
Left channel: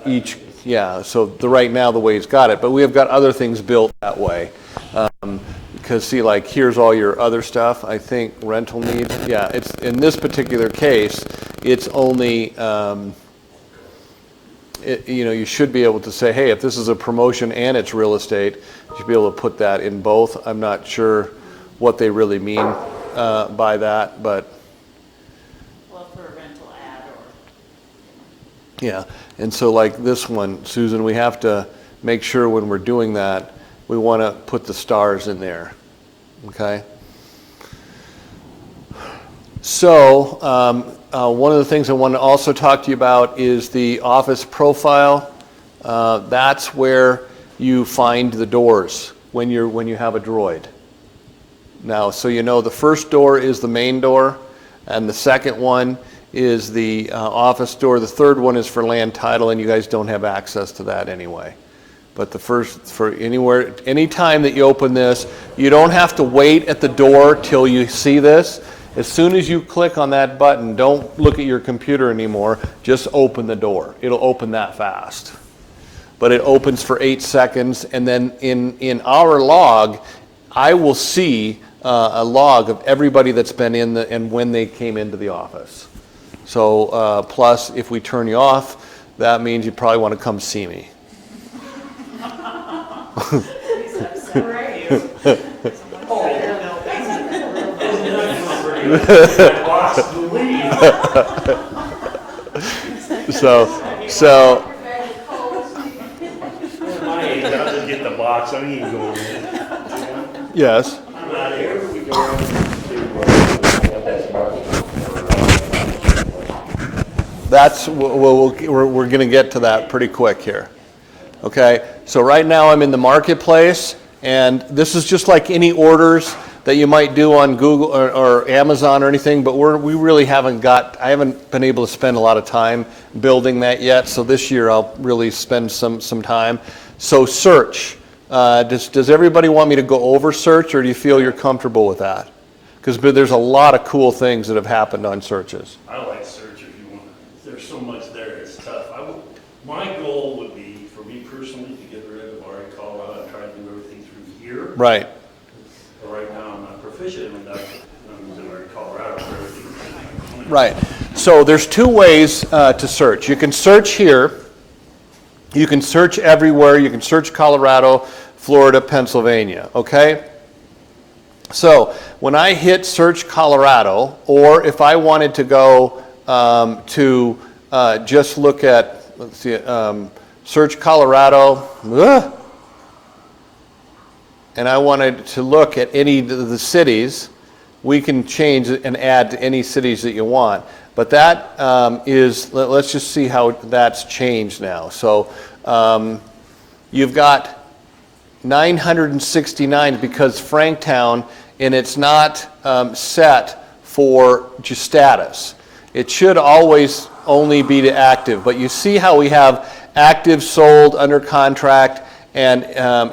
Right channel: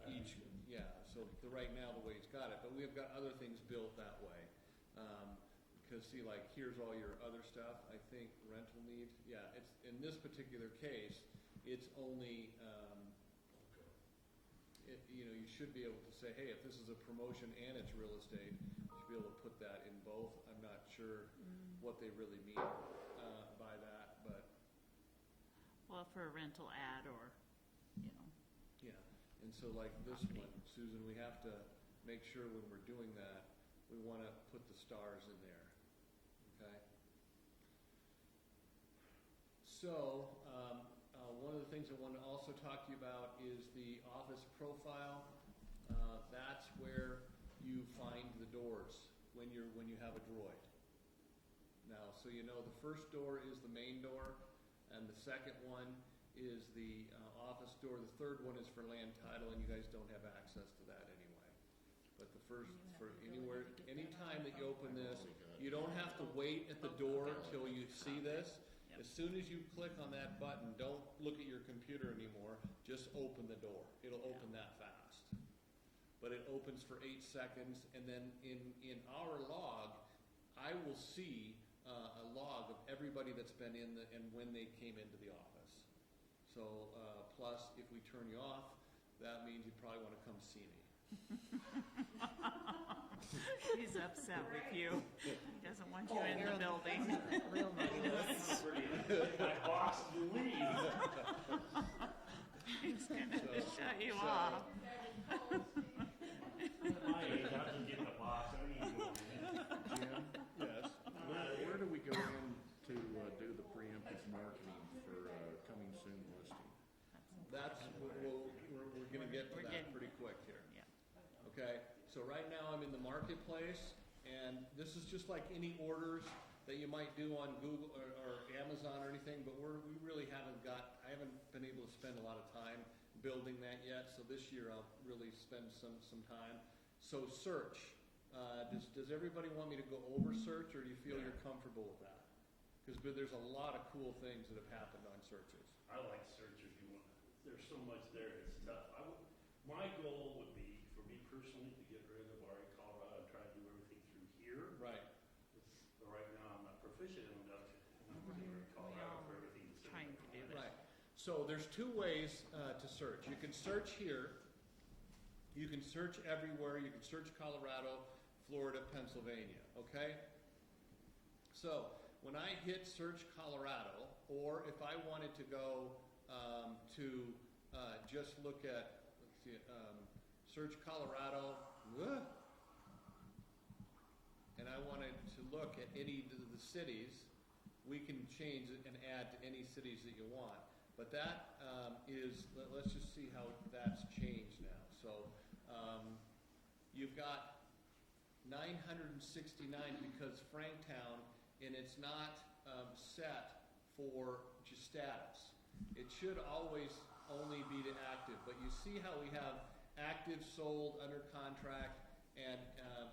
each. Yeah, so right now the way it's got it, but we have got other things built that way. Because see, like here's all your other stuff. I think rental needs. Yeah, it's in this particular case, it's only. You know, you should be able to say, hey, if this is a promotion and it's real estate, you should be able to put that in both. I'm not sure what they really mean by that, but. Well, for a rental ad or. Yeah, and so like this one, Susan, we have to make sure when we're doing that, we want to put the stars in there, okay? So one of the things I want to also talk to you about is the office profile. That's where you find the doors when you have a droid. Now, so you know the first door is the main door, and the second one is the office door. The third one is for land title, and you guys don't have access to that anyway. But the first, for anywhere, anytime that you open this, you don't have to wait at the door till you see this. As soon as you click on that button, don't look at your computer anymore, just open the door. It'll open that fast. But it opens for 8 seconds, and then in our log, I will see a log of everybody that's been in and when they came into the office. So plus, if we turn you off, that means you probably want to come see me. So My age, I'll just get the box. I ain't going in. yes. I'm out of here. We go That's we're going to get to that pretty quick here. Okay, so right now I'm in the marketplace, and this is just like any orders that you might do on Google or Amazon or anything, but we really haven't I haven't been able to spend a lot of time building that yet, so this year I'll really spend some time. So search, does everybody want me to go over search, or do you feel you're comfortable with that? Because there's a lot of cool things that have happened on searches. I like search if you want. There's so much there, it's tough. My goal would be, for me personally, to get rid of RA Colorado and try to do everything through here. Right. But right now, I'm not proficient enough. I'm using RA Colorado for everything. Right. So there's two ways to search. You can search here. You can search everywhere. You can search Colorado, Florida, Pennsylvania. Okay? So when I hit search Colorado, or if I wanted to go to just look at, let's see, search Colorado, and I wanted to look at any of the cities, we can change it and add to any cities that you want. But that let's just see how that's changed now. So you've got 969 because Franktown, and it's not set for just status. It should always only be to active, but you see how we have active, sold, under contract, and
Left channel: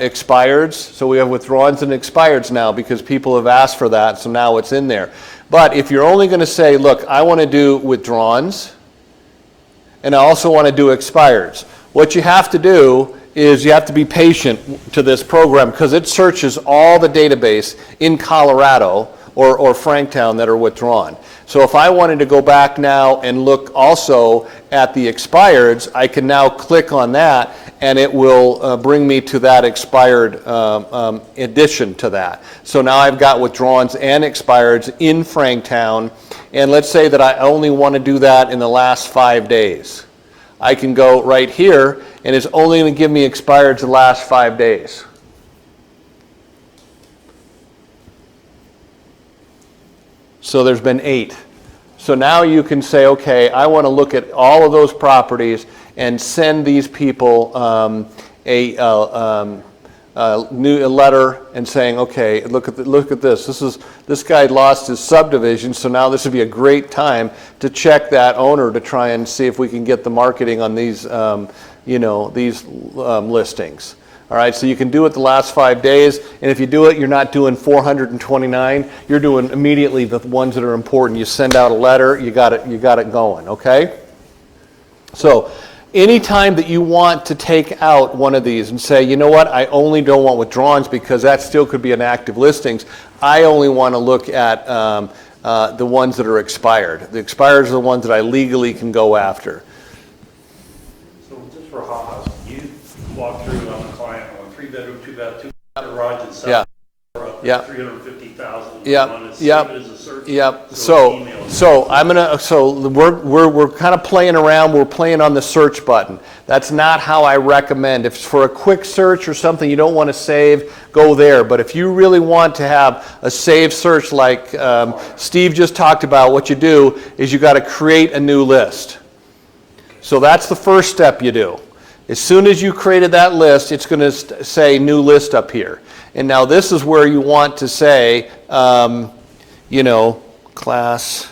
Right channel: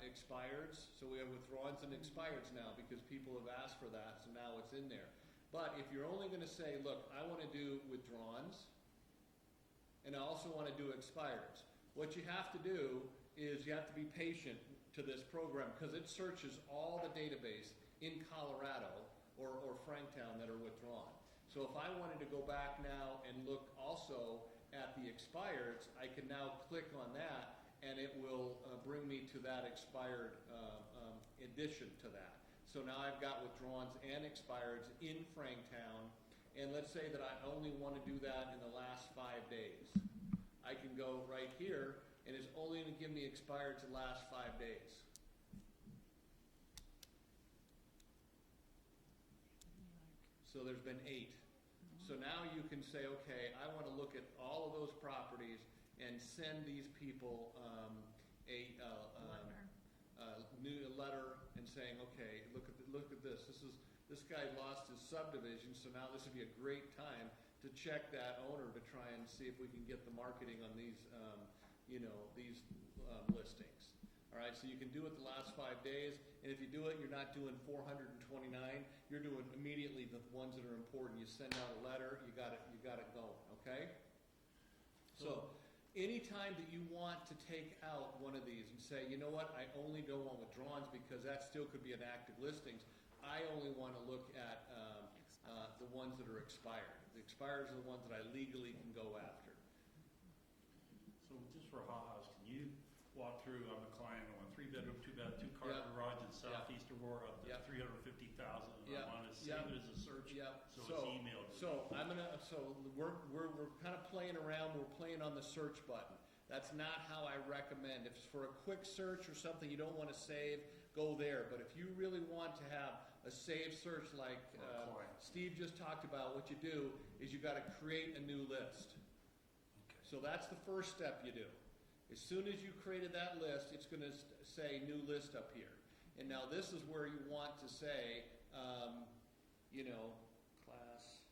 expireds. So we have withdrawals and expireds now because people have asked for that, so now it's in there. But if you're only going to say, look, I want to do withdrawals, and I also want to do expireds, what you have to do is you have to be patient to this program because it searches all the database in Colorado or Franktown that are withdrawn. So if I wanted to go back now and look also at the expireds, I can now click on that and it will bring me to that expired addition to that. So now I've got withdrawals and expireds in Franktown, and let's say that I only want to do that in the last 5 days. I can go right here, and it's only going to give me expired the last 5 days. So there's been 8. So now you can say, okay, I want to look at all of those properties and send these people a letter and saying, okay, look at this. This guy lost his subdivision, so now this would be a great time to check that owner to try and see if we can get the marketing on these, these listings. All right, so you can do it the last 5 days, and if you do it, you're not doing 429. You're doing immediately the ones that are important. You send out a letter, you got it going. Okay. So, anytime that you want to take out one of these and say, you know what, I only don't want withdrawals because that still could be an active listings. I only want to look at the ones that are expired. The expired are the ones that I legally can go after. So just for ha-has, you walk through on a client on 3-bedroom, 2-bath, 2-car garage in southeast Aurora, Yeah. 350,000. Yep. Yep. It as a search. Yep. So we're kind of playing around. We're playing on the search button. That's not how I recommend. If it's for a quick search or something you don't want to save, go there. But if you really want to have a saved search like Steve just talked about, what you do is you got to create a new list. So that's the first step you do. As soon as you created that list, it's going to say new list up here. And now this is where you want to say, class.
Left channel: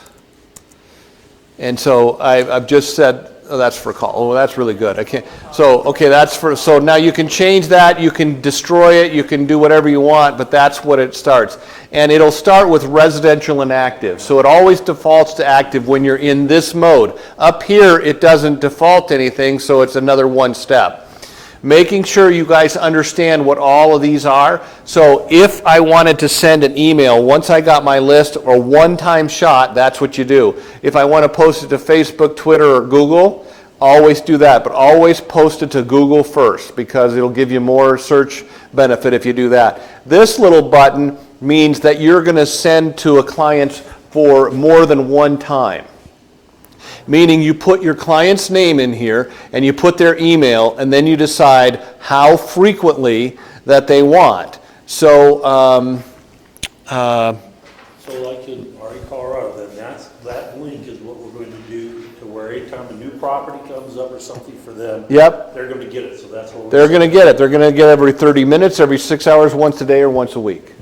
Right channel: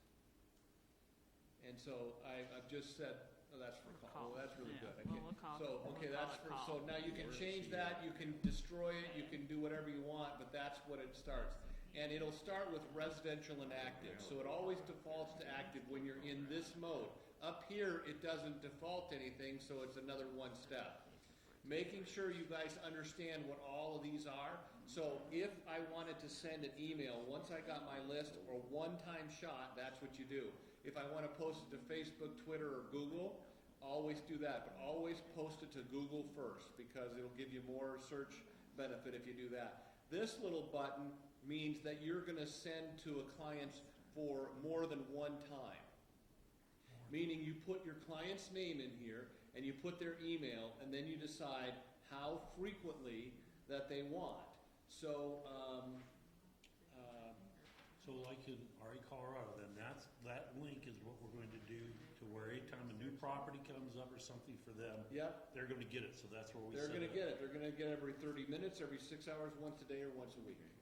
And so I've just said, oh, that's for call. Oh, that's really good. I can't. So, okay, that's for, so now you can change that. You can destroy it. You can do whatever you want, but that's what it starts. And it'll start with residential and active. So it always defaults to active when you're in this mode. Up here, it doesn't default to anything, so it's another one step. Making sure you guys understand what all of these are. So if I wanted to send an email, once I got my list or one-time shot, that's what you do. If I want to post it to Facebook, Twitter, or Google, always do that. But always post it to Google first because it'll give you more search benefit if you do that. This little button means that you're going to send to a client for more than one time. Meaning you put your client's name in here and you put their email and then you decide how frequently that they want. So, so like in RE Colorado, then that link is what we're going to do to where anytime a new property comes up or something for them, yep, they're going to get it. So that's what they're going to get it. They're going to get every 30 minutes, every 6 hours, once a day, or once a week.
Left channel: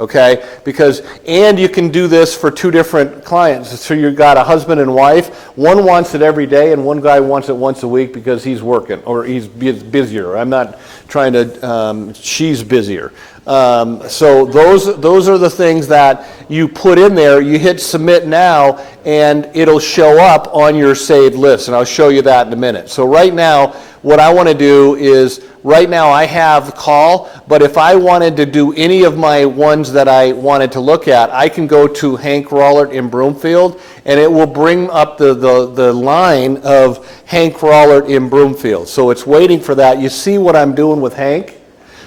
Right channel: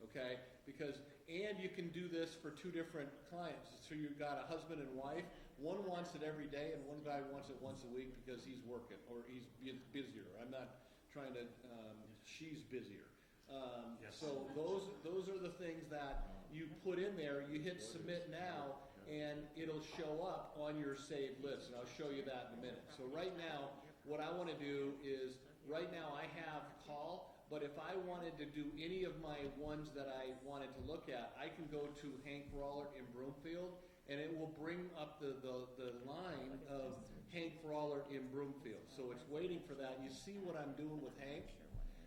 Okay, because, and you can do this for 2 different clients. So you've got a husband and wife. One wants it every day and one guy wants it once a week because he's working or he's busier. I'm not trying to, she's busier. So those are the things that you put in there. You hit submit now and it'll show up on your saved list, and I'll show you that in a minute. So right now, what I want to do is, right now I have call, but if I wanted to do any of my ones that I wanted to look at, I can go to Hank Rollert in Broomfield, and it will bring up the line of Hank Rollert in Broomfield. So it's waiting for that. You see what I'm doing with Hank?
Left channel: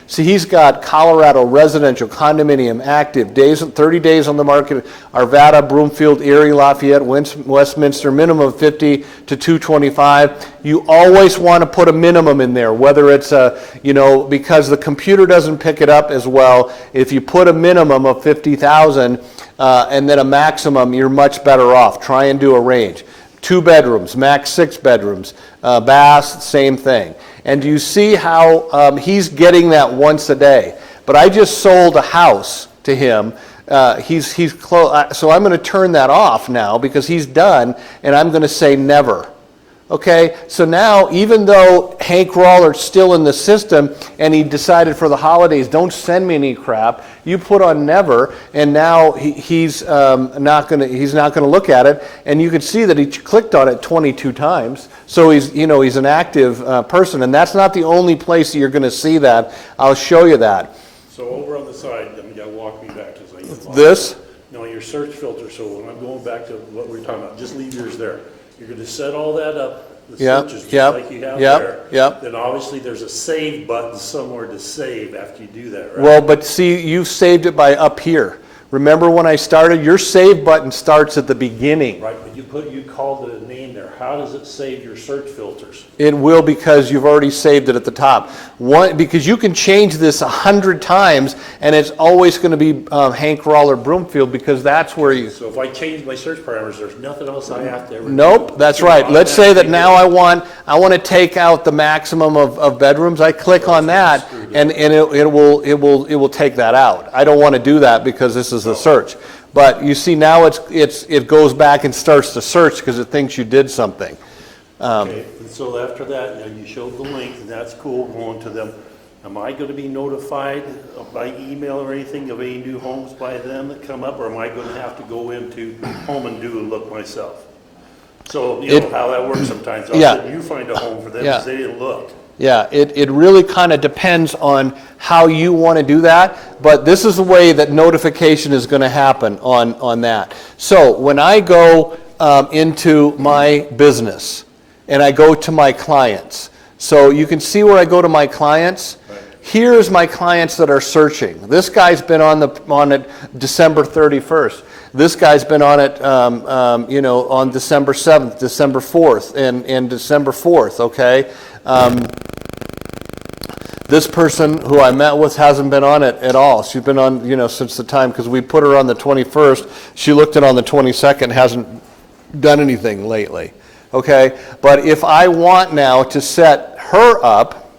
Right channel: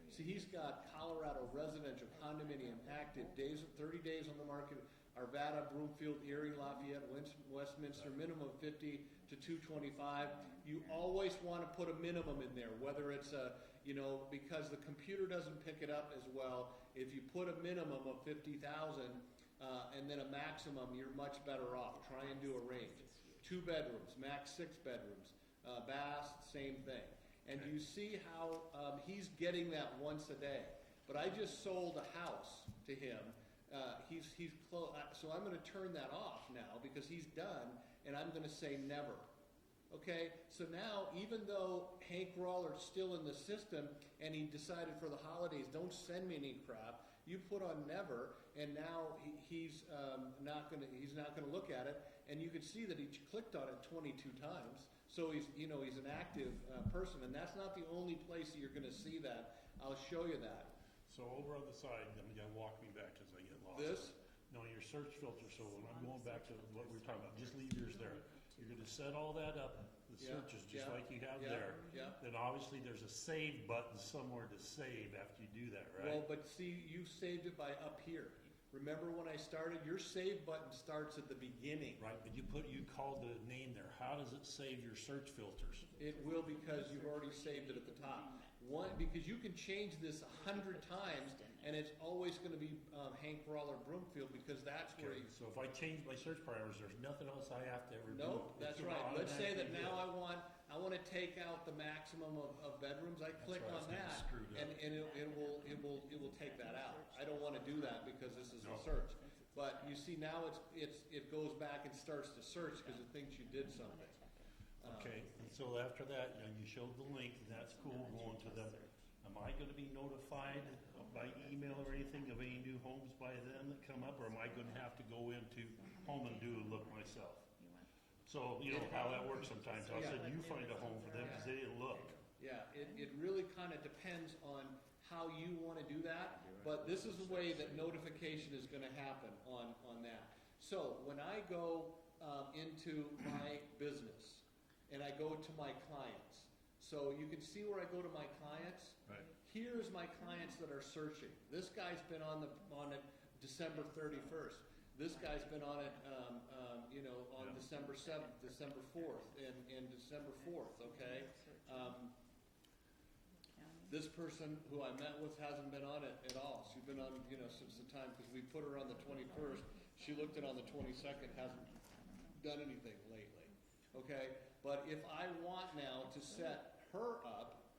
See, he's got Colorado residential, condominium, active, 30 days on the market, Arvada, Broomfield, Erie, Lafayette, Westminster, minimum of 50 to 225. You always want to put a minimum in there, whether it's because the computer doesn't pick it up as well. If you put a minimum of 50,000 and then a maximum, you're much better off. Try and do a range. 2 bedrooms, max 6 bedrooms, baths, same thing. And you see how he's getting that once a day. But I just sold a house to him. He's close, so I'm going to turn that off now because he's done, and I'm going to say never. Okay, so now even though Hank Roller's still in the system and he decided for the holidays, don't send me any crap, you put on never, and now he's not going to look at it, and you can see that he clicked on it 22 times. So he's an active person, and that's not the only place that you're going to see that. I'll show you that. So over on the side, walk me back to this. No, your search filter. So when I'm going back to what we were talking about, just leave yours there. You're going to set all that up, the searches, just like you have there. Yep. Then obviously there's a save button somewhere to save after you do that, right? Well, but see, you've saved it by up here. Remember when I started? Your save button starts at the beginning. Right, but you called the name there. How does it save your search filters? It will, because you've already saved it at the top. Because you can change this 100 times, and it's always going to be Hank Roller Broomfield, because that's where you... So if I change my search parameters, there's nothing else I have to ever do? Nope, that's right. Let's say that now I want to take out the maximum of bedrooms. I click on that, and it will take that out. I don't want to do that because this is the search. But you see now it goes back and starts to search because it thinks you did something. Okay, and so after that, you showed the link, and that's cool, going to them. Am I going to be notified by email or anything of any new homes by them that come up, or am I going to have to go into Home and Do a look myself? So, you know how that works sometimes. You find a home for them because they didn't look. Yeah, it really kind of depends on how you want to do that, but this is the way that notification is going to happen on that. So when I go into my business and I go to my clients, so you can see where I go to my clients. Right. Here's my clients that are searching. This guy's been on it December 31st. This guy's been on it, on December 7th, December 4th, and December 4th, okay? This person who I met with hasn't been on it at all. She's been on, since the time, because we put her on the 21st. She looked at on the 22nd, hasn't done anything lately, okay? But if I want now to set her up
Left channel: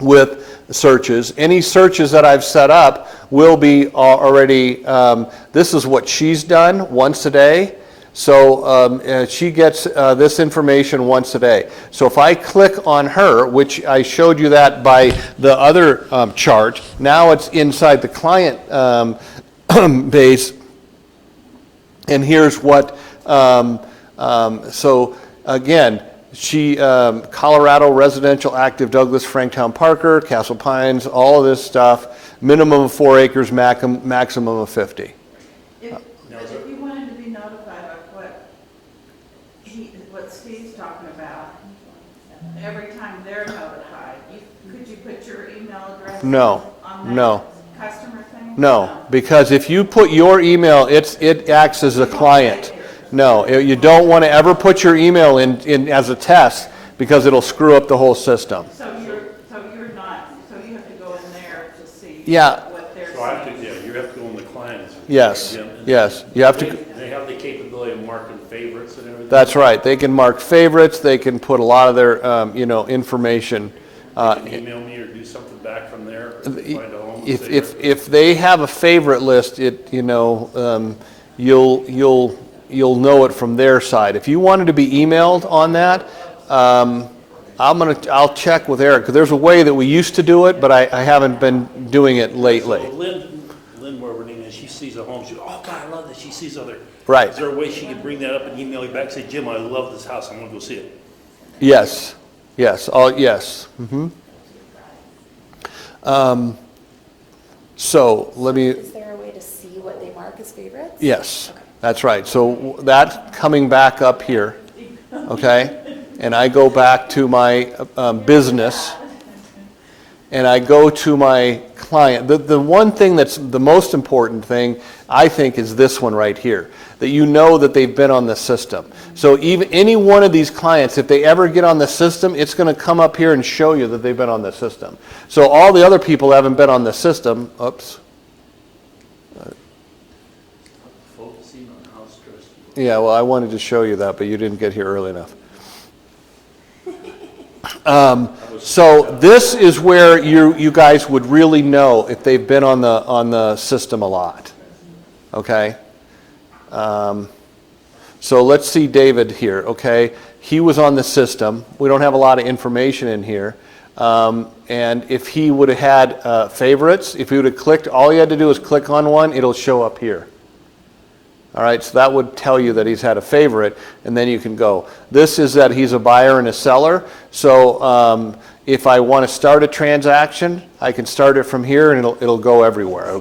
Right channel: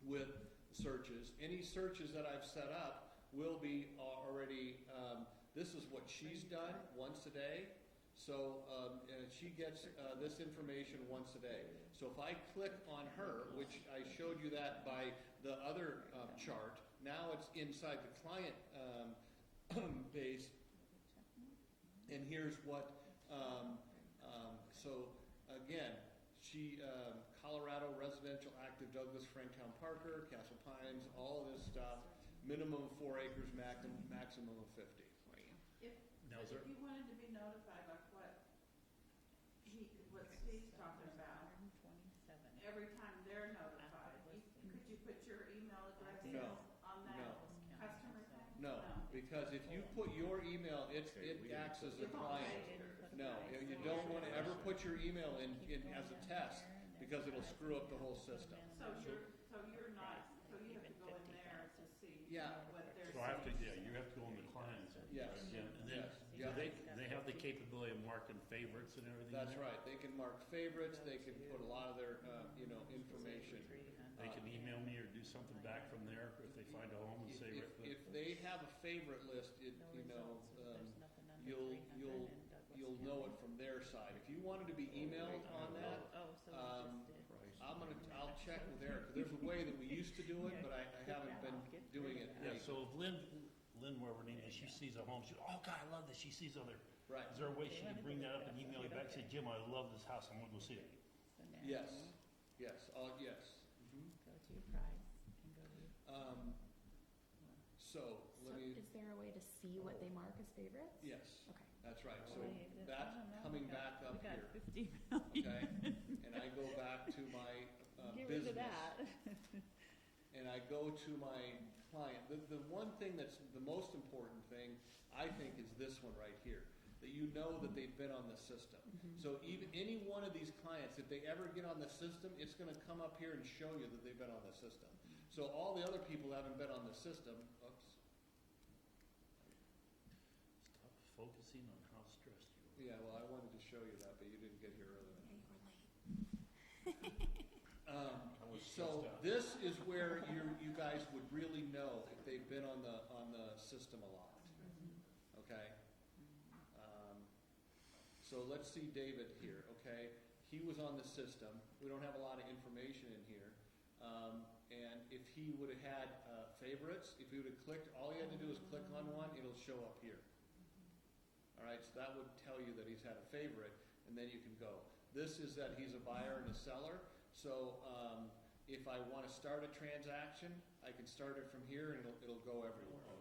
with searches, any searches that I've set up will be already, this is what she's done once a day. So she gets this information once a day. So if I click on her, which I showed you that by the other chart, now it's inside the client base. And here's what, so again, she, Colorado residential active, Douglas, Franktown, Parker, Castle Pines, all of this stuff, minimum of 4 acres, maximum of 50. If you wanted to be notified of what Steve's talking about, every time they're notified, could you put your email address No, on no. that customer thing? No, because if you put your email, it acts as a client. No, you don't want to ever put your email in as a test, because it'll screw up the whole system. So you have to go in there to see Yeah. what they're So I have saying. to, you have to go in the clients. Yes, yes, you have to. They have the capability of marking favorites and everything? That's right. They can mark favorites. They can put a lot of their, information. They can email me or do something back from there, or find a home. If they have a favorite list, you'll know it from their side. If you wanted to be emailed on that, I'll check with Eric, because there's a way that we used to do it, but I haven't been doing it lately. So Lynn, wherever her name is, she sees a home, she goes, oh God, I love this, she sees other. Right. Is there a way she can bring that up and email you back, say, Jim, I love this house, I'm gonna go see it? Yes, yes, yes. So let me. Is there a way to see what they mark as favorites? Yes, Okay. that's right. So that's coming back up here, okay? And I go back to my business, and I go to my client. The one thing that's the most important thing, I think, is this one right here, that you know that they've been on the system. So even any one of these clients, if they ever get on the system, it's going to come up here and show you that they've been on the system. So all the other people haven't been on the system. Oops. Focusing on house trust. Yeah, well, I wanted to show you that, but you didn't get here early enough. So this is where you guys would really know if they've been on the system a lot. Okay. So let's see David here. Okay, he was on the system. We don't have a lot of information in here. And if he would have had favorites, if he would have clicked, all he had to do is click on one, it'll show up here. All right, so that would tell you that he's had a favorite, and then you can go. This is that he's a buyer and a seller. So if I want to start a transaction, I can start it from here, and it'll go everywhere.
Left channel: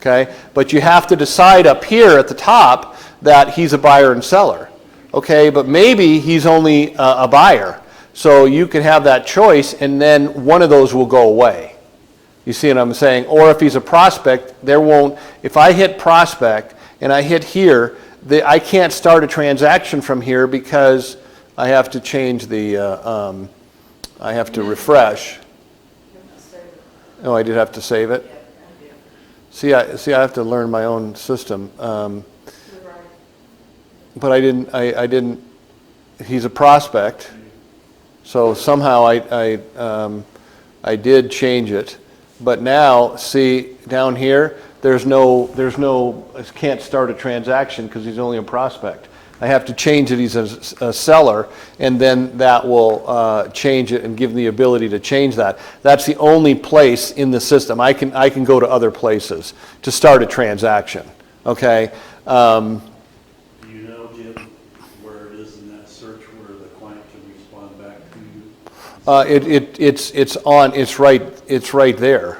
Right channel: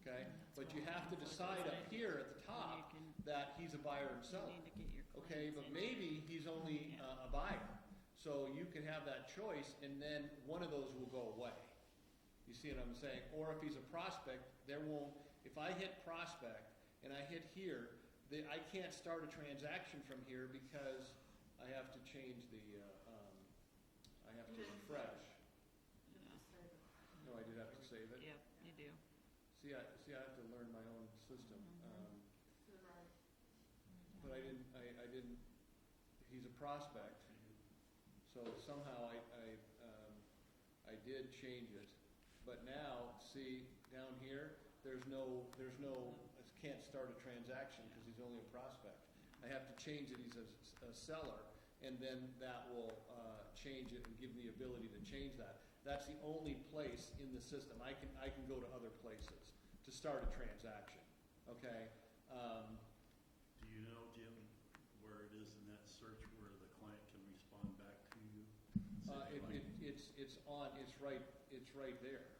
Okay, but you have to decide up here at the top that he's a buyer and seller. Okay, but maybe he's only a buyer. So you can have that choice, and then one of those will go away. You see what I'm saying? Or if he's a prospect, there won't. If I hit prospect and I hit here, I can't start a transaction from here because I have to change the, I have to refresh. Oh, I did have to save it? See, I have to learn my own system. But I didn't, he's a prospect, so somehow I did change it. But now, see, down here, there's no, I can't start a transaction because he's only a prospect. I have to change it, he's a seller, and then that will change it and give me the ability to change that. That's the only place in the system. I can go to other places to start a transaction, okay? Do you know, Jim, where it is in that search where the client can respond back to you? It's right there.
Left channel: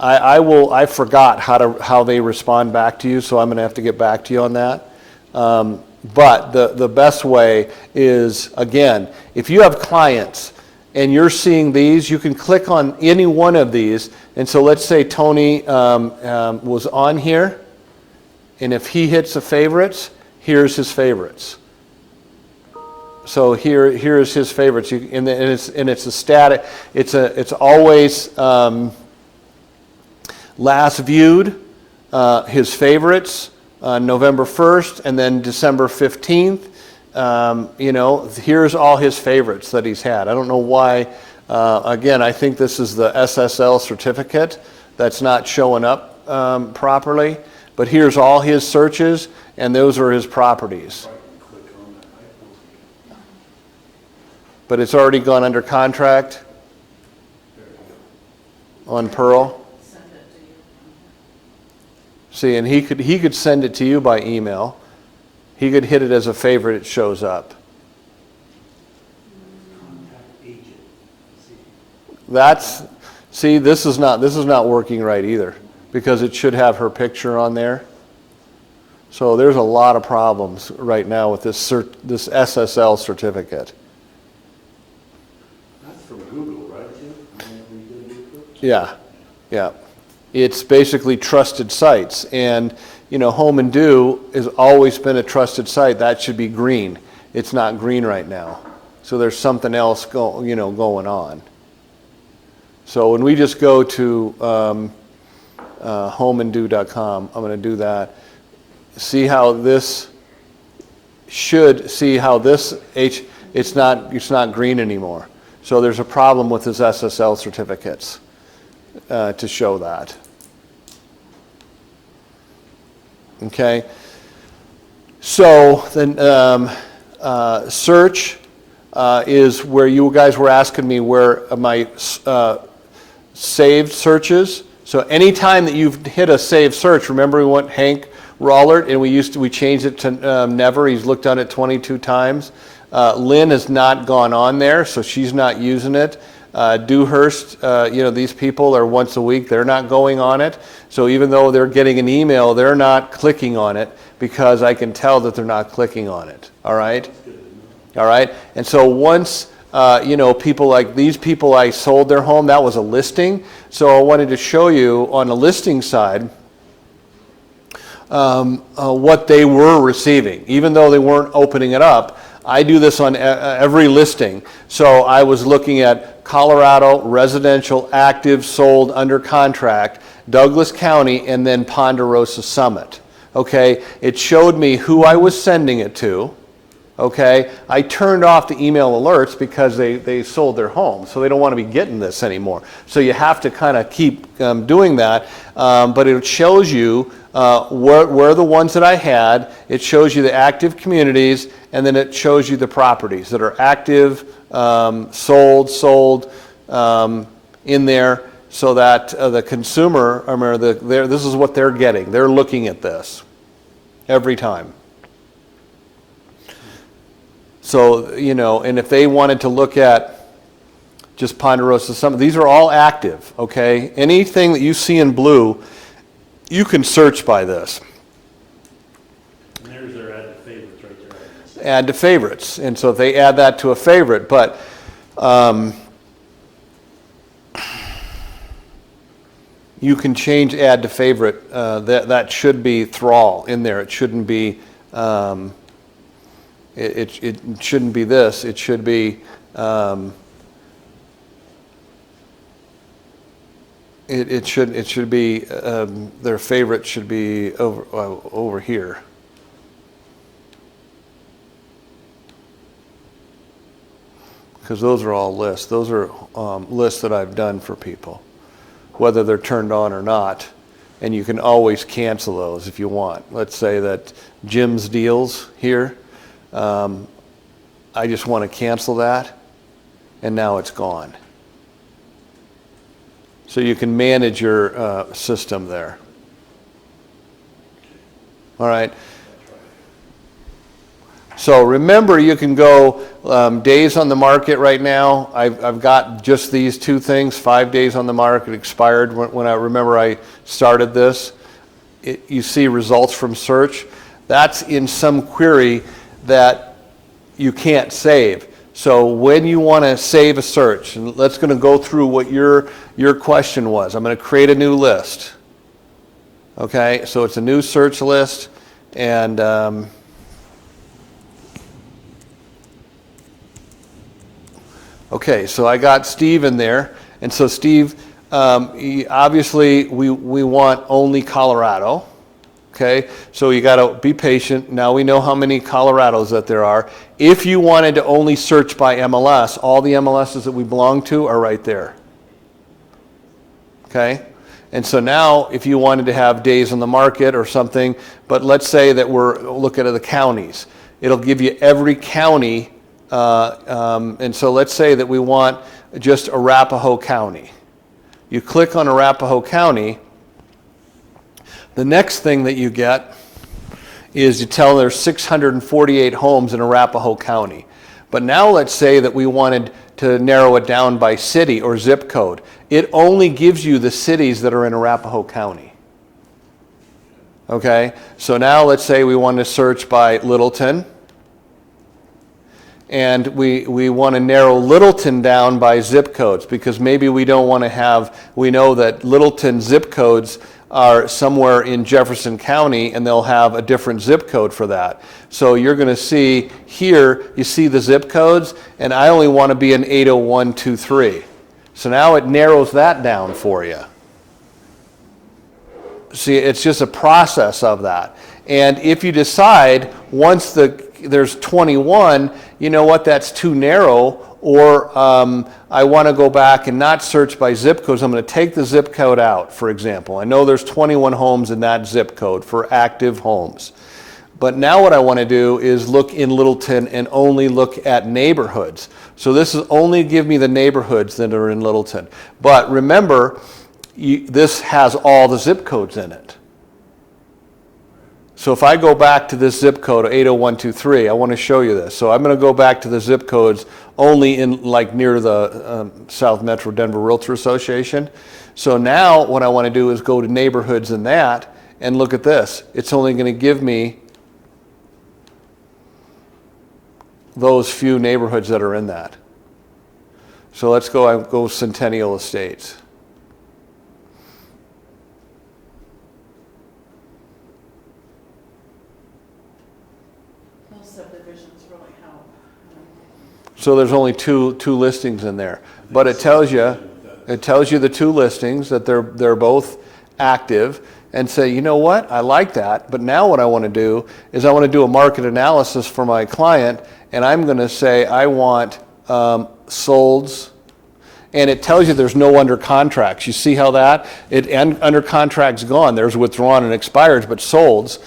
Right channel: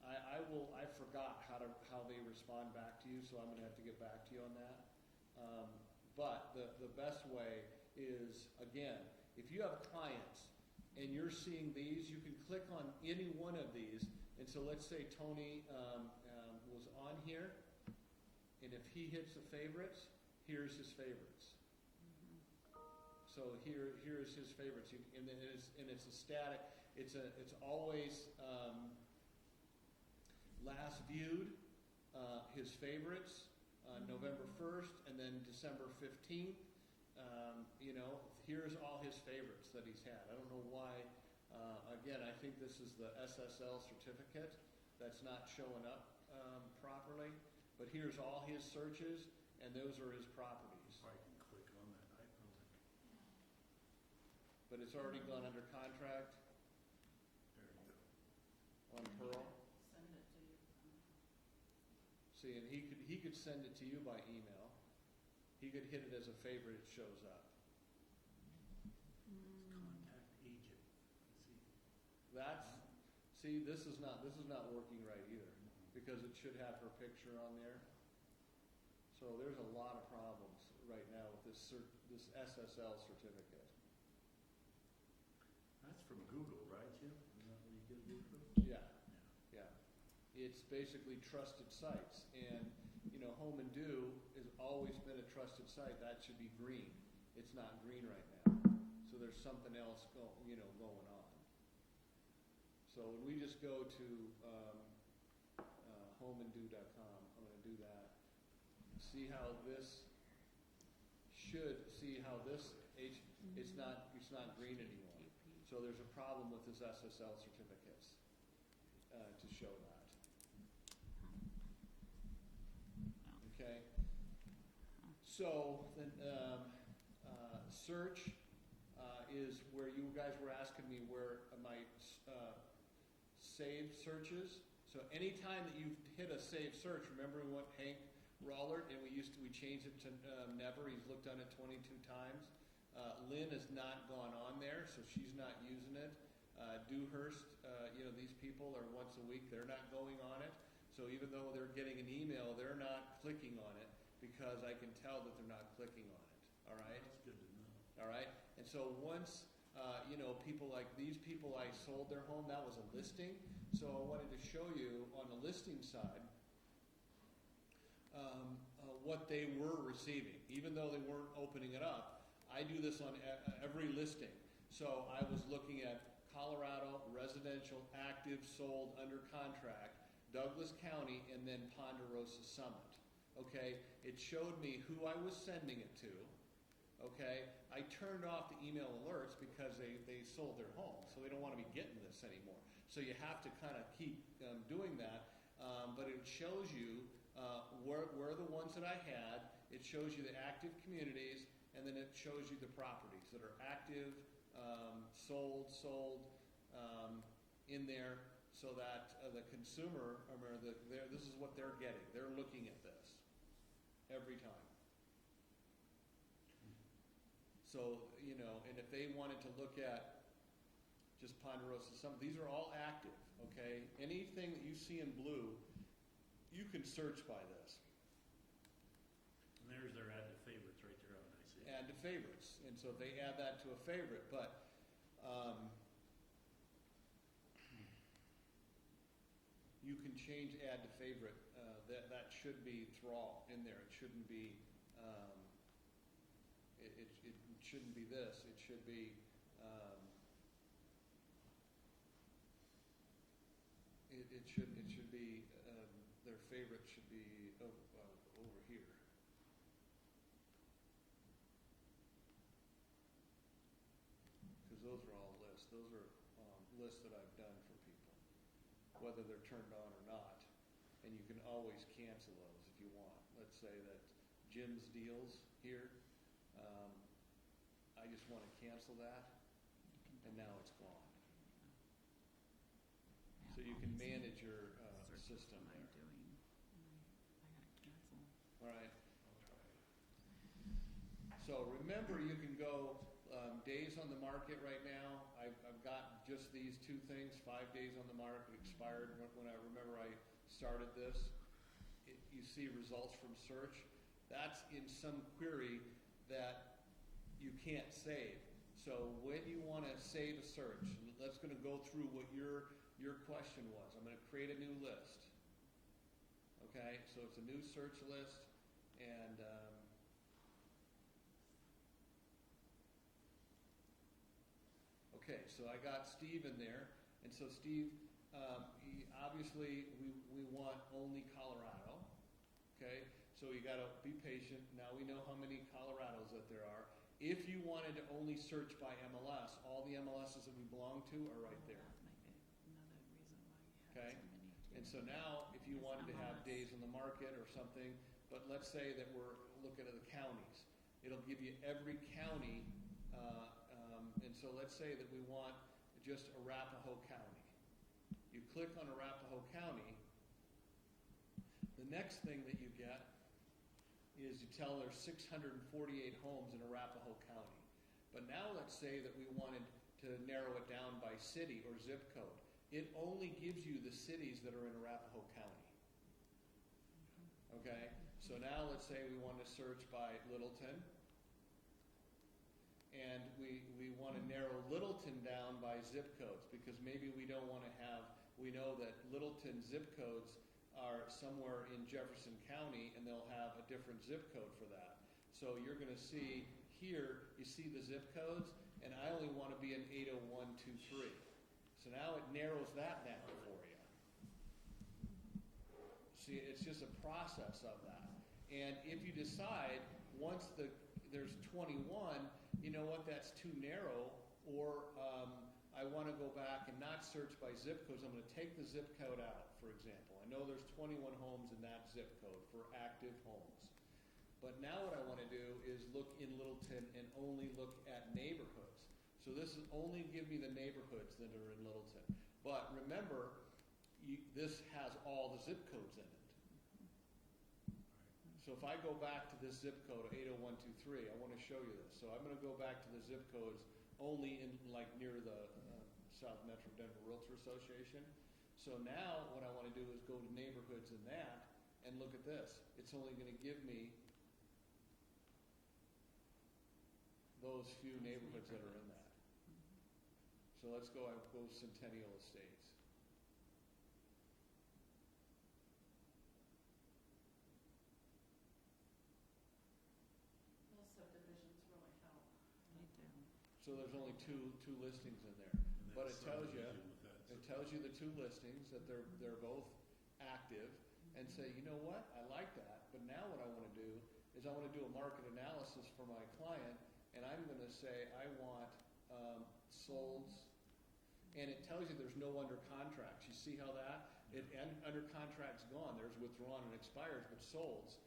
I forgot how they respond back to you, so I'm going to have to get back to you on that. But the best way is, again, if you have clients and you're seeing these, you can click on any one of these. And so let's say Tony was on here, and if he hits the favorites, here's his favorites. So here is his favorites, and it's a static. It's always last viewed, his favorites. November 1st and then December 15th. Here's all his favorites that he's had. I don't know why. Again, I think this is the SSL certificate that's not showing up properly. But here's all his searches, and those are his properties. But it's already gone under contract on Pearl. See, and he could send it to you by email. He could hit it as a favorite, it shows up. Contact agent. This is not working right either, because it should have her picture on there. So there's a lot of problems right now with this SSL certificate. That's from Google, right, Jim? Yeah. It's basically trusted sites, and Home and Do has always been a trusted site. That should be green. It's not green right now, so there's something else going on. So when we just go to homeando.com, I'm going to do that. See how this it's not green anymore. So there's a problem with his SSL certificates. To show that. Okay. So then search is where you guys were asking me where my saved searches. So anytime that you've hit a saved search, remember we went Hank Rollert and we changed it to never. He's looked on it 22 times. Lynn has not gone on there, so she's not using it. Dewhurst, these people are once a week. They're not going on it. So even though they're getting an email, they're not clicking on it because I can tell that they're not clicking on it. All right? All right? And so once, people like these people, I sold their home, that was a listing. So I wanted to show you on the listing side what they were receiving. Even though they weren't opening it up, I do this on every listing. So I was looking at Colorado, residential, active, sold, under contract, Douglas County, and then Ponderosa Summit. Okay, it showed me who I was sending it to. Okay, I turned off the email alerts because they sold their home, so they don't want to be getting this anymore. So you have to kind of keep doing that, but it shows you where the ones that I had. It shows you the active communities, and then it shows you the properties that are active, sold in there, so that the consumer, this is what they're getting. They're looking at this every time. So, and if they wanted to look at just Ponderosa Summit, these are all active, okay? Anything that you see in blue, you can search by this. And there's their add to favorites right there. Add to favorites. And so if they add that to a favorite, but you can change add to favorite. That should be thrall in there. It shouldn't be, it shouldn't be this. It should be, it should be, their favorite should be over here. Because those are all lists. Those are lists that I've done for people, whether they're turned on or not. And you can always cancel those if you want. Let's say that Jim's deals here, I just want to cancel that, and now it's gone. So you can manage your system there. All right. So remember, you can go days on the market right now. I've got just these two things, 5 days on the market, expired when I remember I started this. You see results from search. That's in some query that you can't save. So when you want to save a search, and let's going to go through what your question was. I'm going to create a new list. Okay, so it's a new search list, and okay, so I got Steve in there, and so Steve, obviously we want only Colorado. Okay, so you got to be patient. Now we know how many Colorados that there are. If you wanted to only search by MLS, all the MLSs that we belong to are right there. Okay, and so now if you wanted to have days on the market or something, but let's say that we're looking at the counties, it'll give you every county, and so let's say that we want just Arapahoe County. You click on Arapahoe County. The next thing that you get is you tell there's 648 homes in Arapahoe County. But now let's say that we wanted to narrow it down by city or zip code. It only gives you the cities that are in Arapahoe County. Okay, so now let's say we want to search by Littleton. And we want to narrow Littleton down by zip codes, because maybe we don't want to have, we know that Littleton zip codes are somewhere in Jefferson County, and they'll have a different zip code for that. So you're going to see here, you see the zip codes, and I only want to be in 80123. So now it narrows that down for you. See, it's just a process of that. And if you decide once there's 21, you know what, that's too narrow, or I want to go back and not search by zip codes. I'm going to take the zip code out, for example. I know there's 21 homes in that zip code for active homes. But now what I want to do is look in Littleton and only look at neighborhoods. So this is only give me the neighborhoods that are in Littleton. But remember, this has all the zip codes in it. So if I go back to this zip code, 80123, I want to show you this. So I'm going to go back to the zip codes only in like near the South Metro Denver Realtor Association. So now what I want to do is go to neighborhoods in that and look at this. It's only going to give me those few neighborhoods that are in that. So let's go Centennial Estates. Subdivisions really help. So there's only two listings in there, but it tells you the two listings that they're both active, and say, you know what, I like that, but now what I want to do is I want to do a market analysis for my client, and I'm going to say I want solds, and it tells you there's no under contracts. You see how that under contracts gone. There's withdrawn and expires, but solds.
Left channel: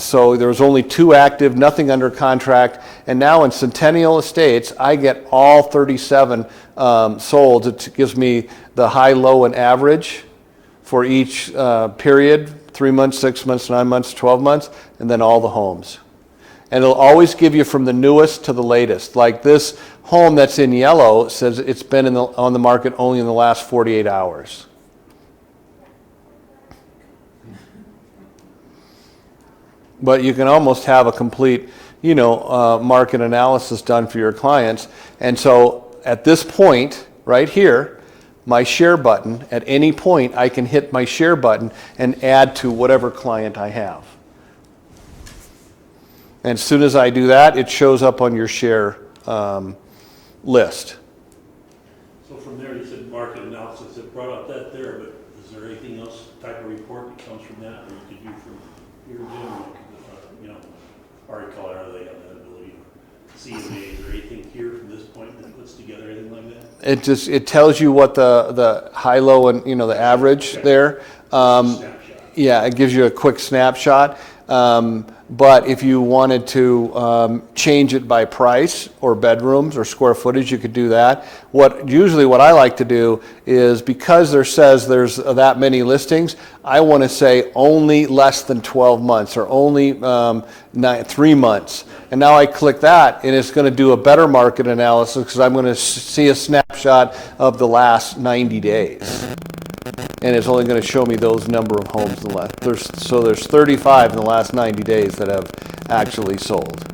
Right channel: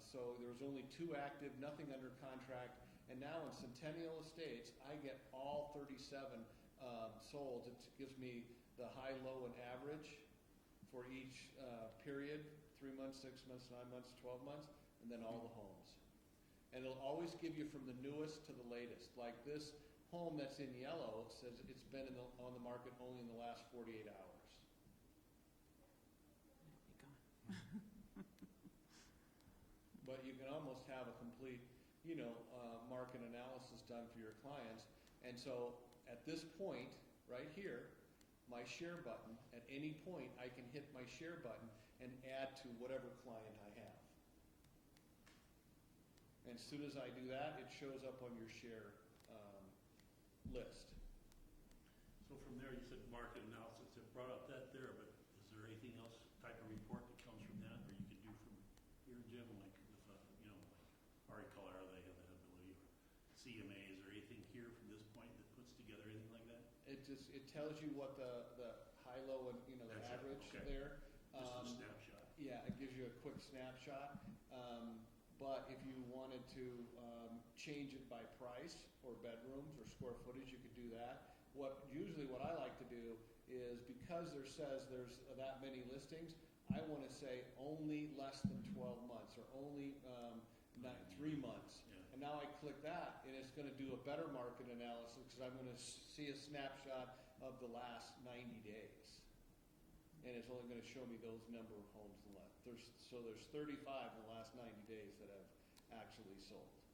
So there's only 2 active, nothing under contract, and now in Centennial Estates, I get all 37 solds. It gives me the high, low, and average for each period, 3 months, 6 months, 9 months, 12 months, and then all the homes. And it'll always give you from the newest to the latest. Like this home that's in yellow says it's been on the market only in the last 48 hours. But you can almost have a complete, market analysis done for your clients. And so at this point, right here, my share button. At any point, I can hit my share button and add to whatever client I have. And as soon as I do that, it shows up on your share list. So from there, you said market analysis, it brought up that there, but is there anything else, type of report that comes from that, or you could do from your gym, you know, Ari Colorado, they have that ability, CMAs, or anything here from this point that puts together anything like that? It tells you what the high, low, and the average there. Snapshot. Yeah, it gives you a quick snapshot. But if you wanted to change it by price or bedrooms or square footage, you could do that. Usually what I like to do is, because there says there's that many listings, I want to say only less than 12 months or only 3 months. And now I click that, and it's going to do a better market analysis because I'm going to see a snapshot of the last 90 days. And it's only going to show me those number of homes in the last. So there's 35 in the last 90 days that have actually sold.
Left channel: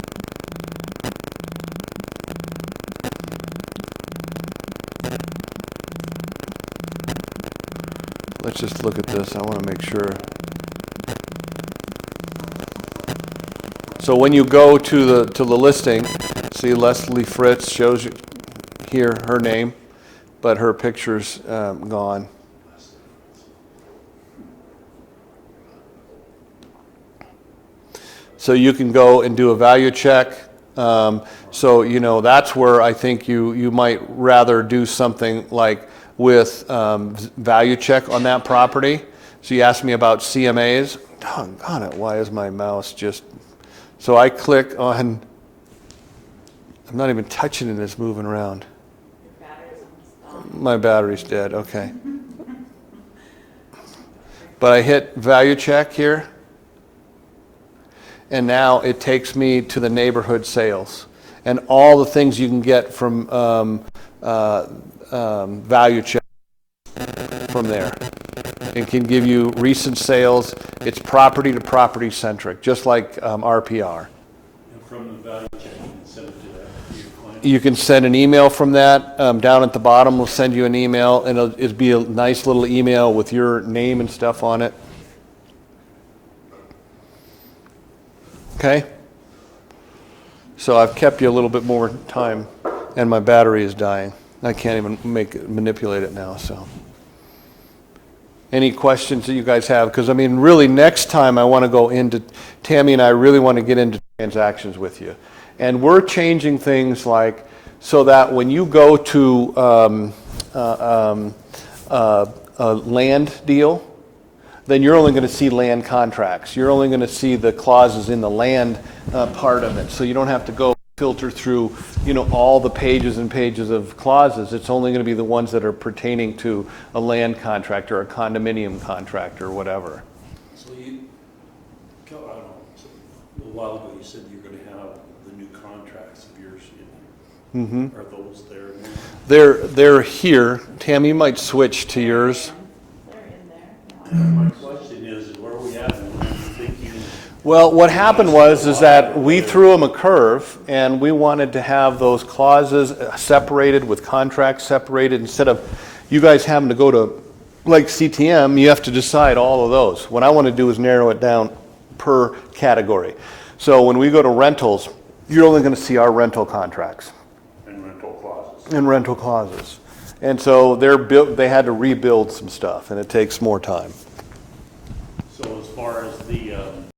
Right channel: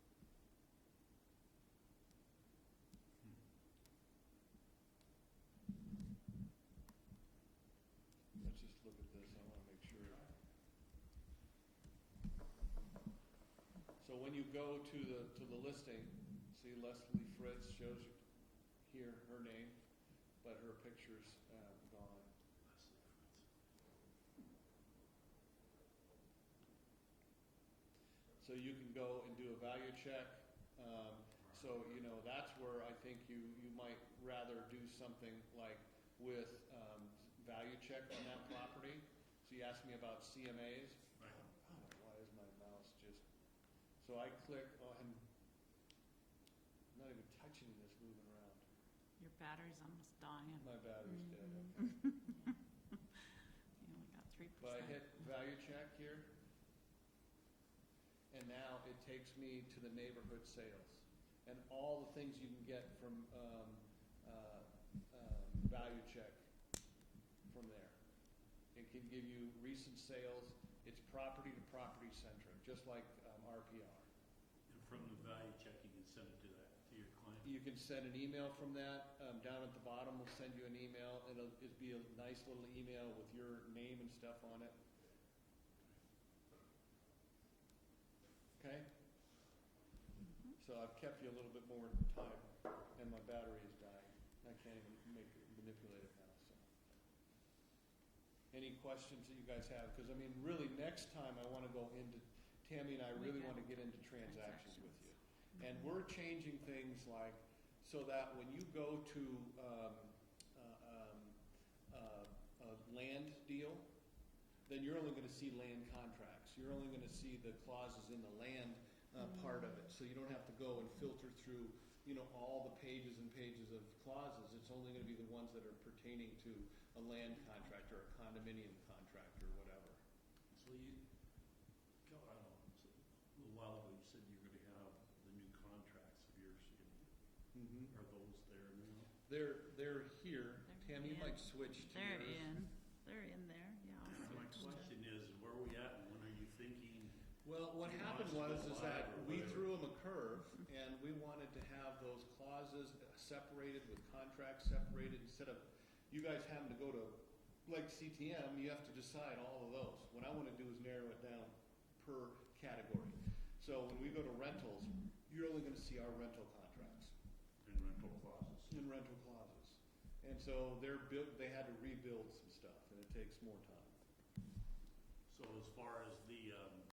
Let's just look at this. I want to make sure. So when you go to the listing, see Leslie Fritz shows you here her name, but her picture's gone. So you can go and do a value check. So that's where I think you might rather do something like with value check on that property. So you asked me about CMAs. Doggone it, why is my mouse just... So I click on... I'm not even touching it, it's moving around. Your battery's almost gone. My battery's dead, okay. But I hit value check here. And now it takes me to the neighborhood sales and all the things you can get from value check from there. It can give you recent sales. It's property to property centric, just like RPR. And from the value check, you can send it to your client? You can send an email from that. Down at the bottom, we'll send you an email, and it'll be a nice little email with your name and stuff on it. Okay? So I've kept you a little bit more time, and my battery is dying. I can't even manipulate it now, so. Any questions that you guys have? Because, really, next time I want to go into, Tammy and I really want to get into transactions with you. And we're changing things like, so that when you go to a land deal, then you're only going to see land contracts. You're only going to see the clauses in the land part of it. So you don't have to go filter through, all the pages and pages of clauses. It's only going to be the ones that are pertaining to a land contract or a condominium contract or whatever. So I don't know, a while ago you said you're going to have the new contracts of yours in there. Are those there now? They're here. Tammy, you might switch to yours. They're in there. My question is, where are we at? When are you thinking? Well, what happened was that we threw them a curve, and we wanted to have those clauses separated with contracts separated. Instead of you guys having to go to like CTM, you have to decide all of those. What I want to do is narrow it down per category. So when we go to rentals, you're only going to see our rental contracts And rental clauses. and rental clauses. And so they had to rebuild some stuff, and it takes more time. So as far as the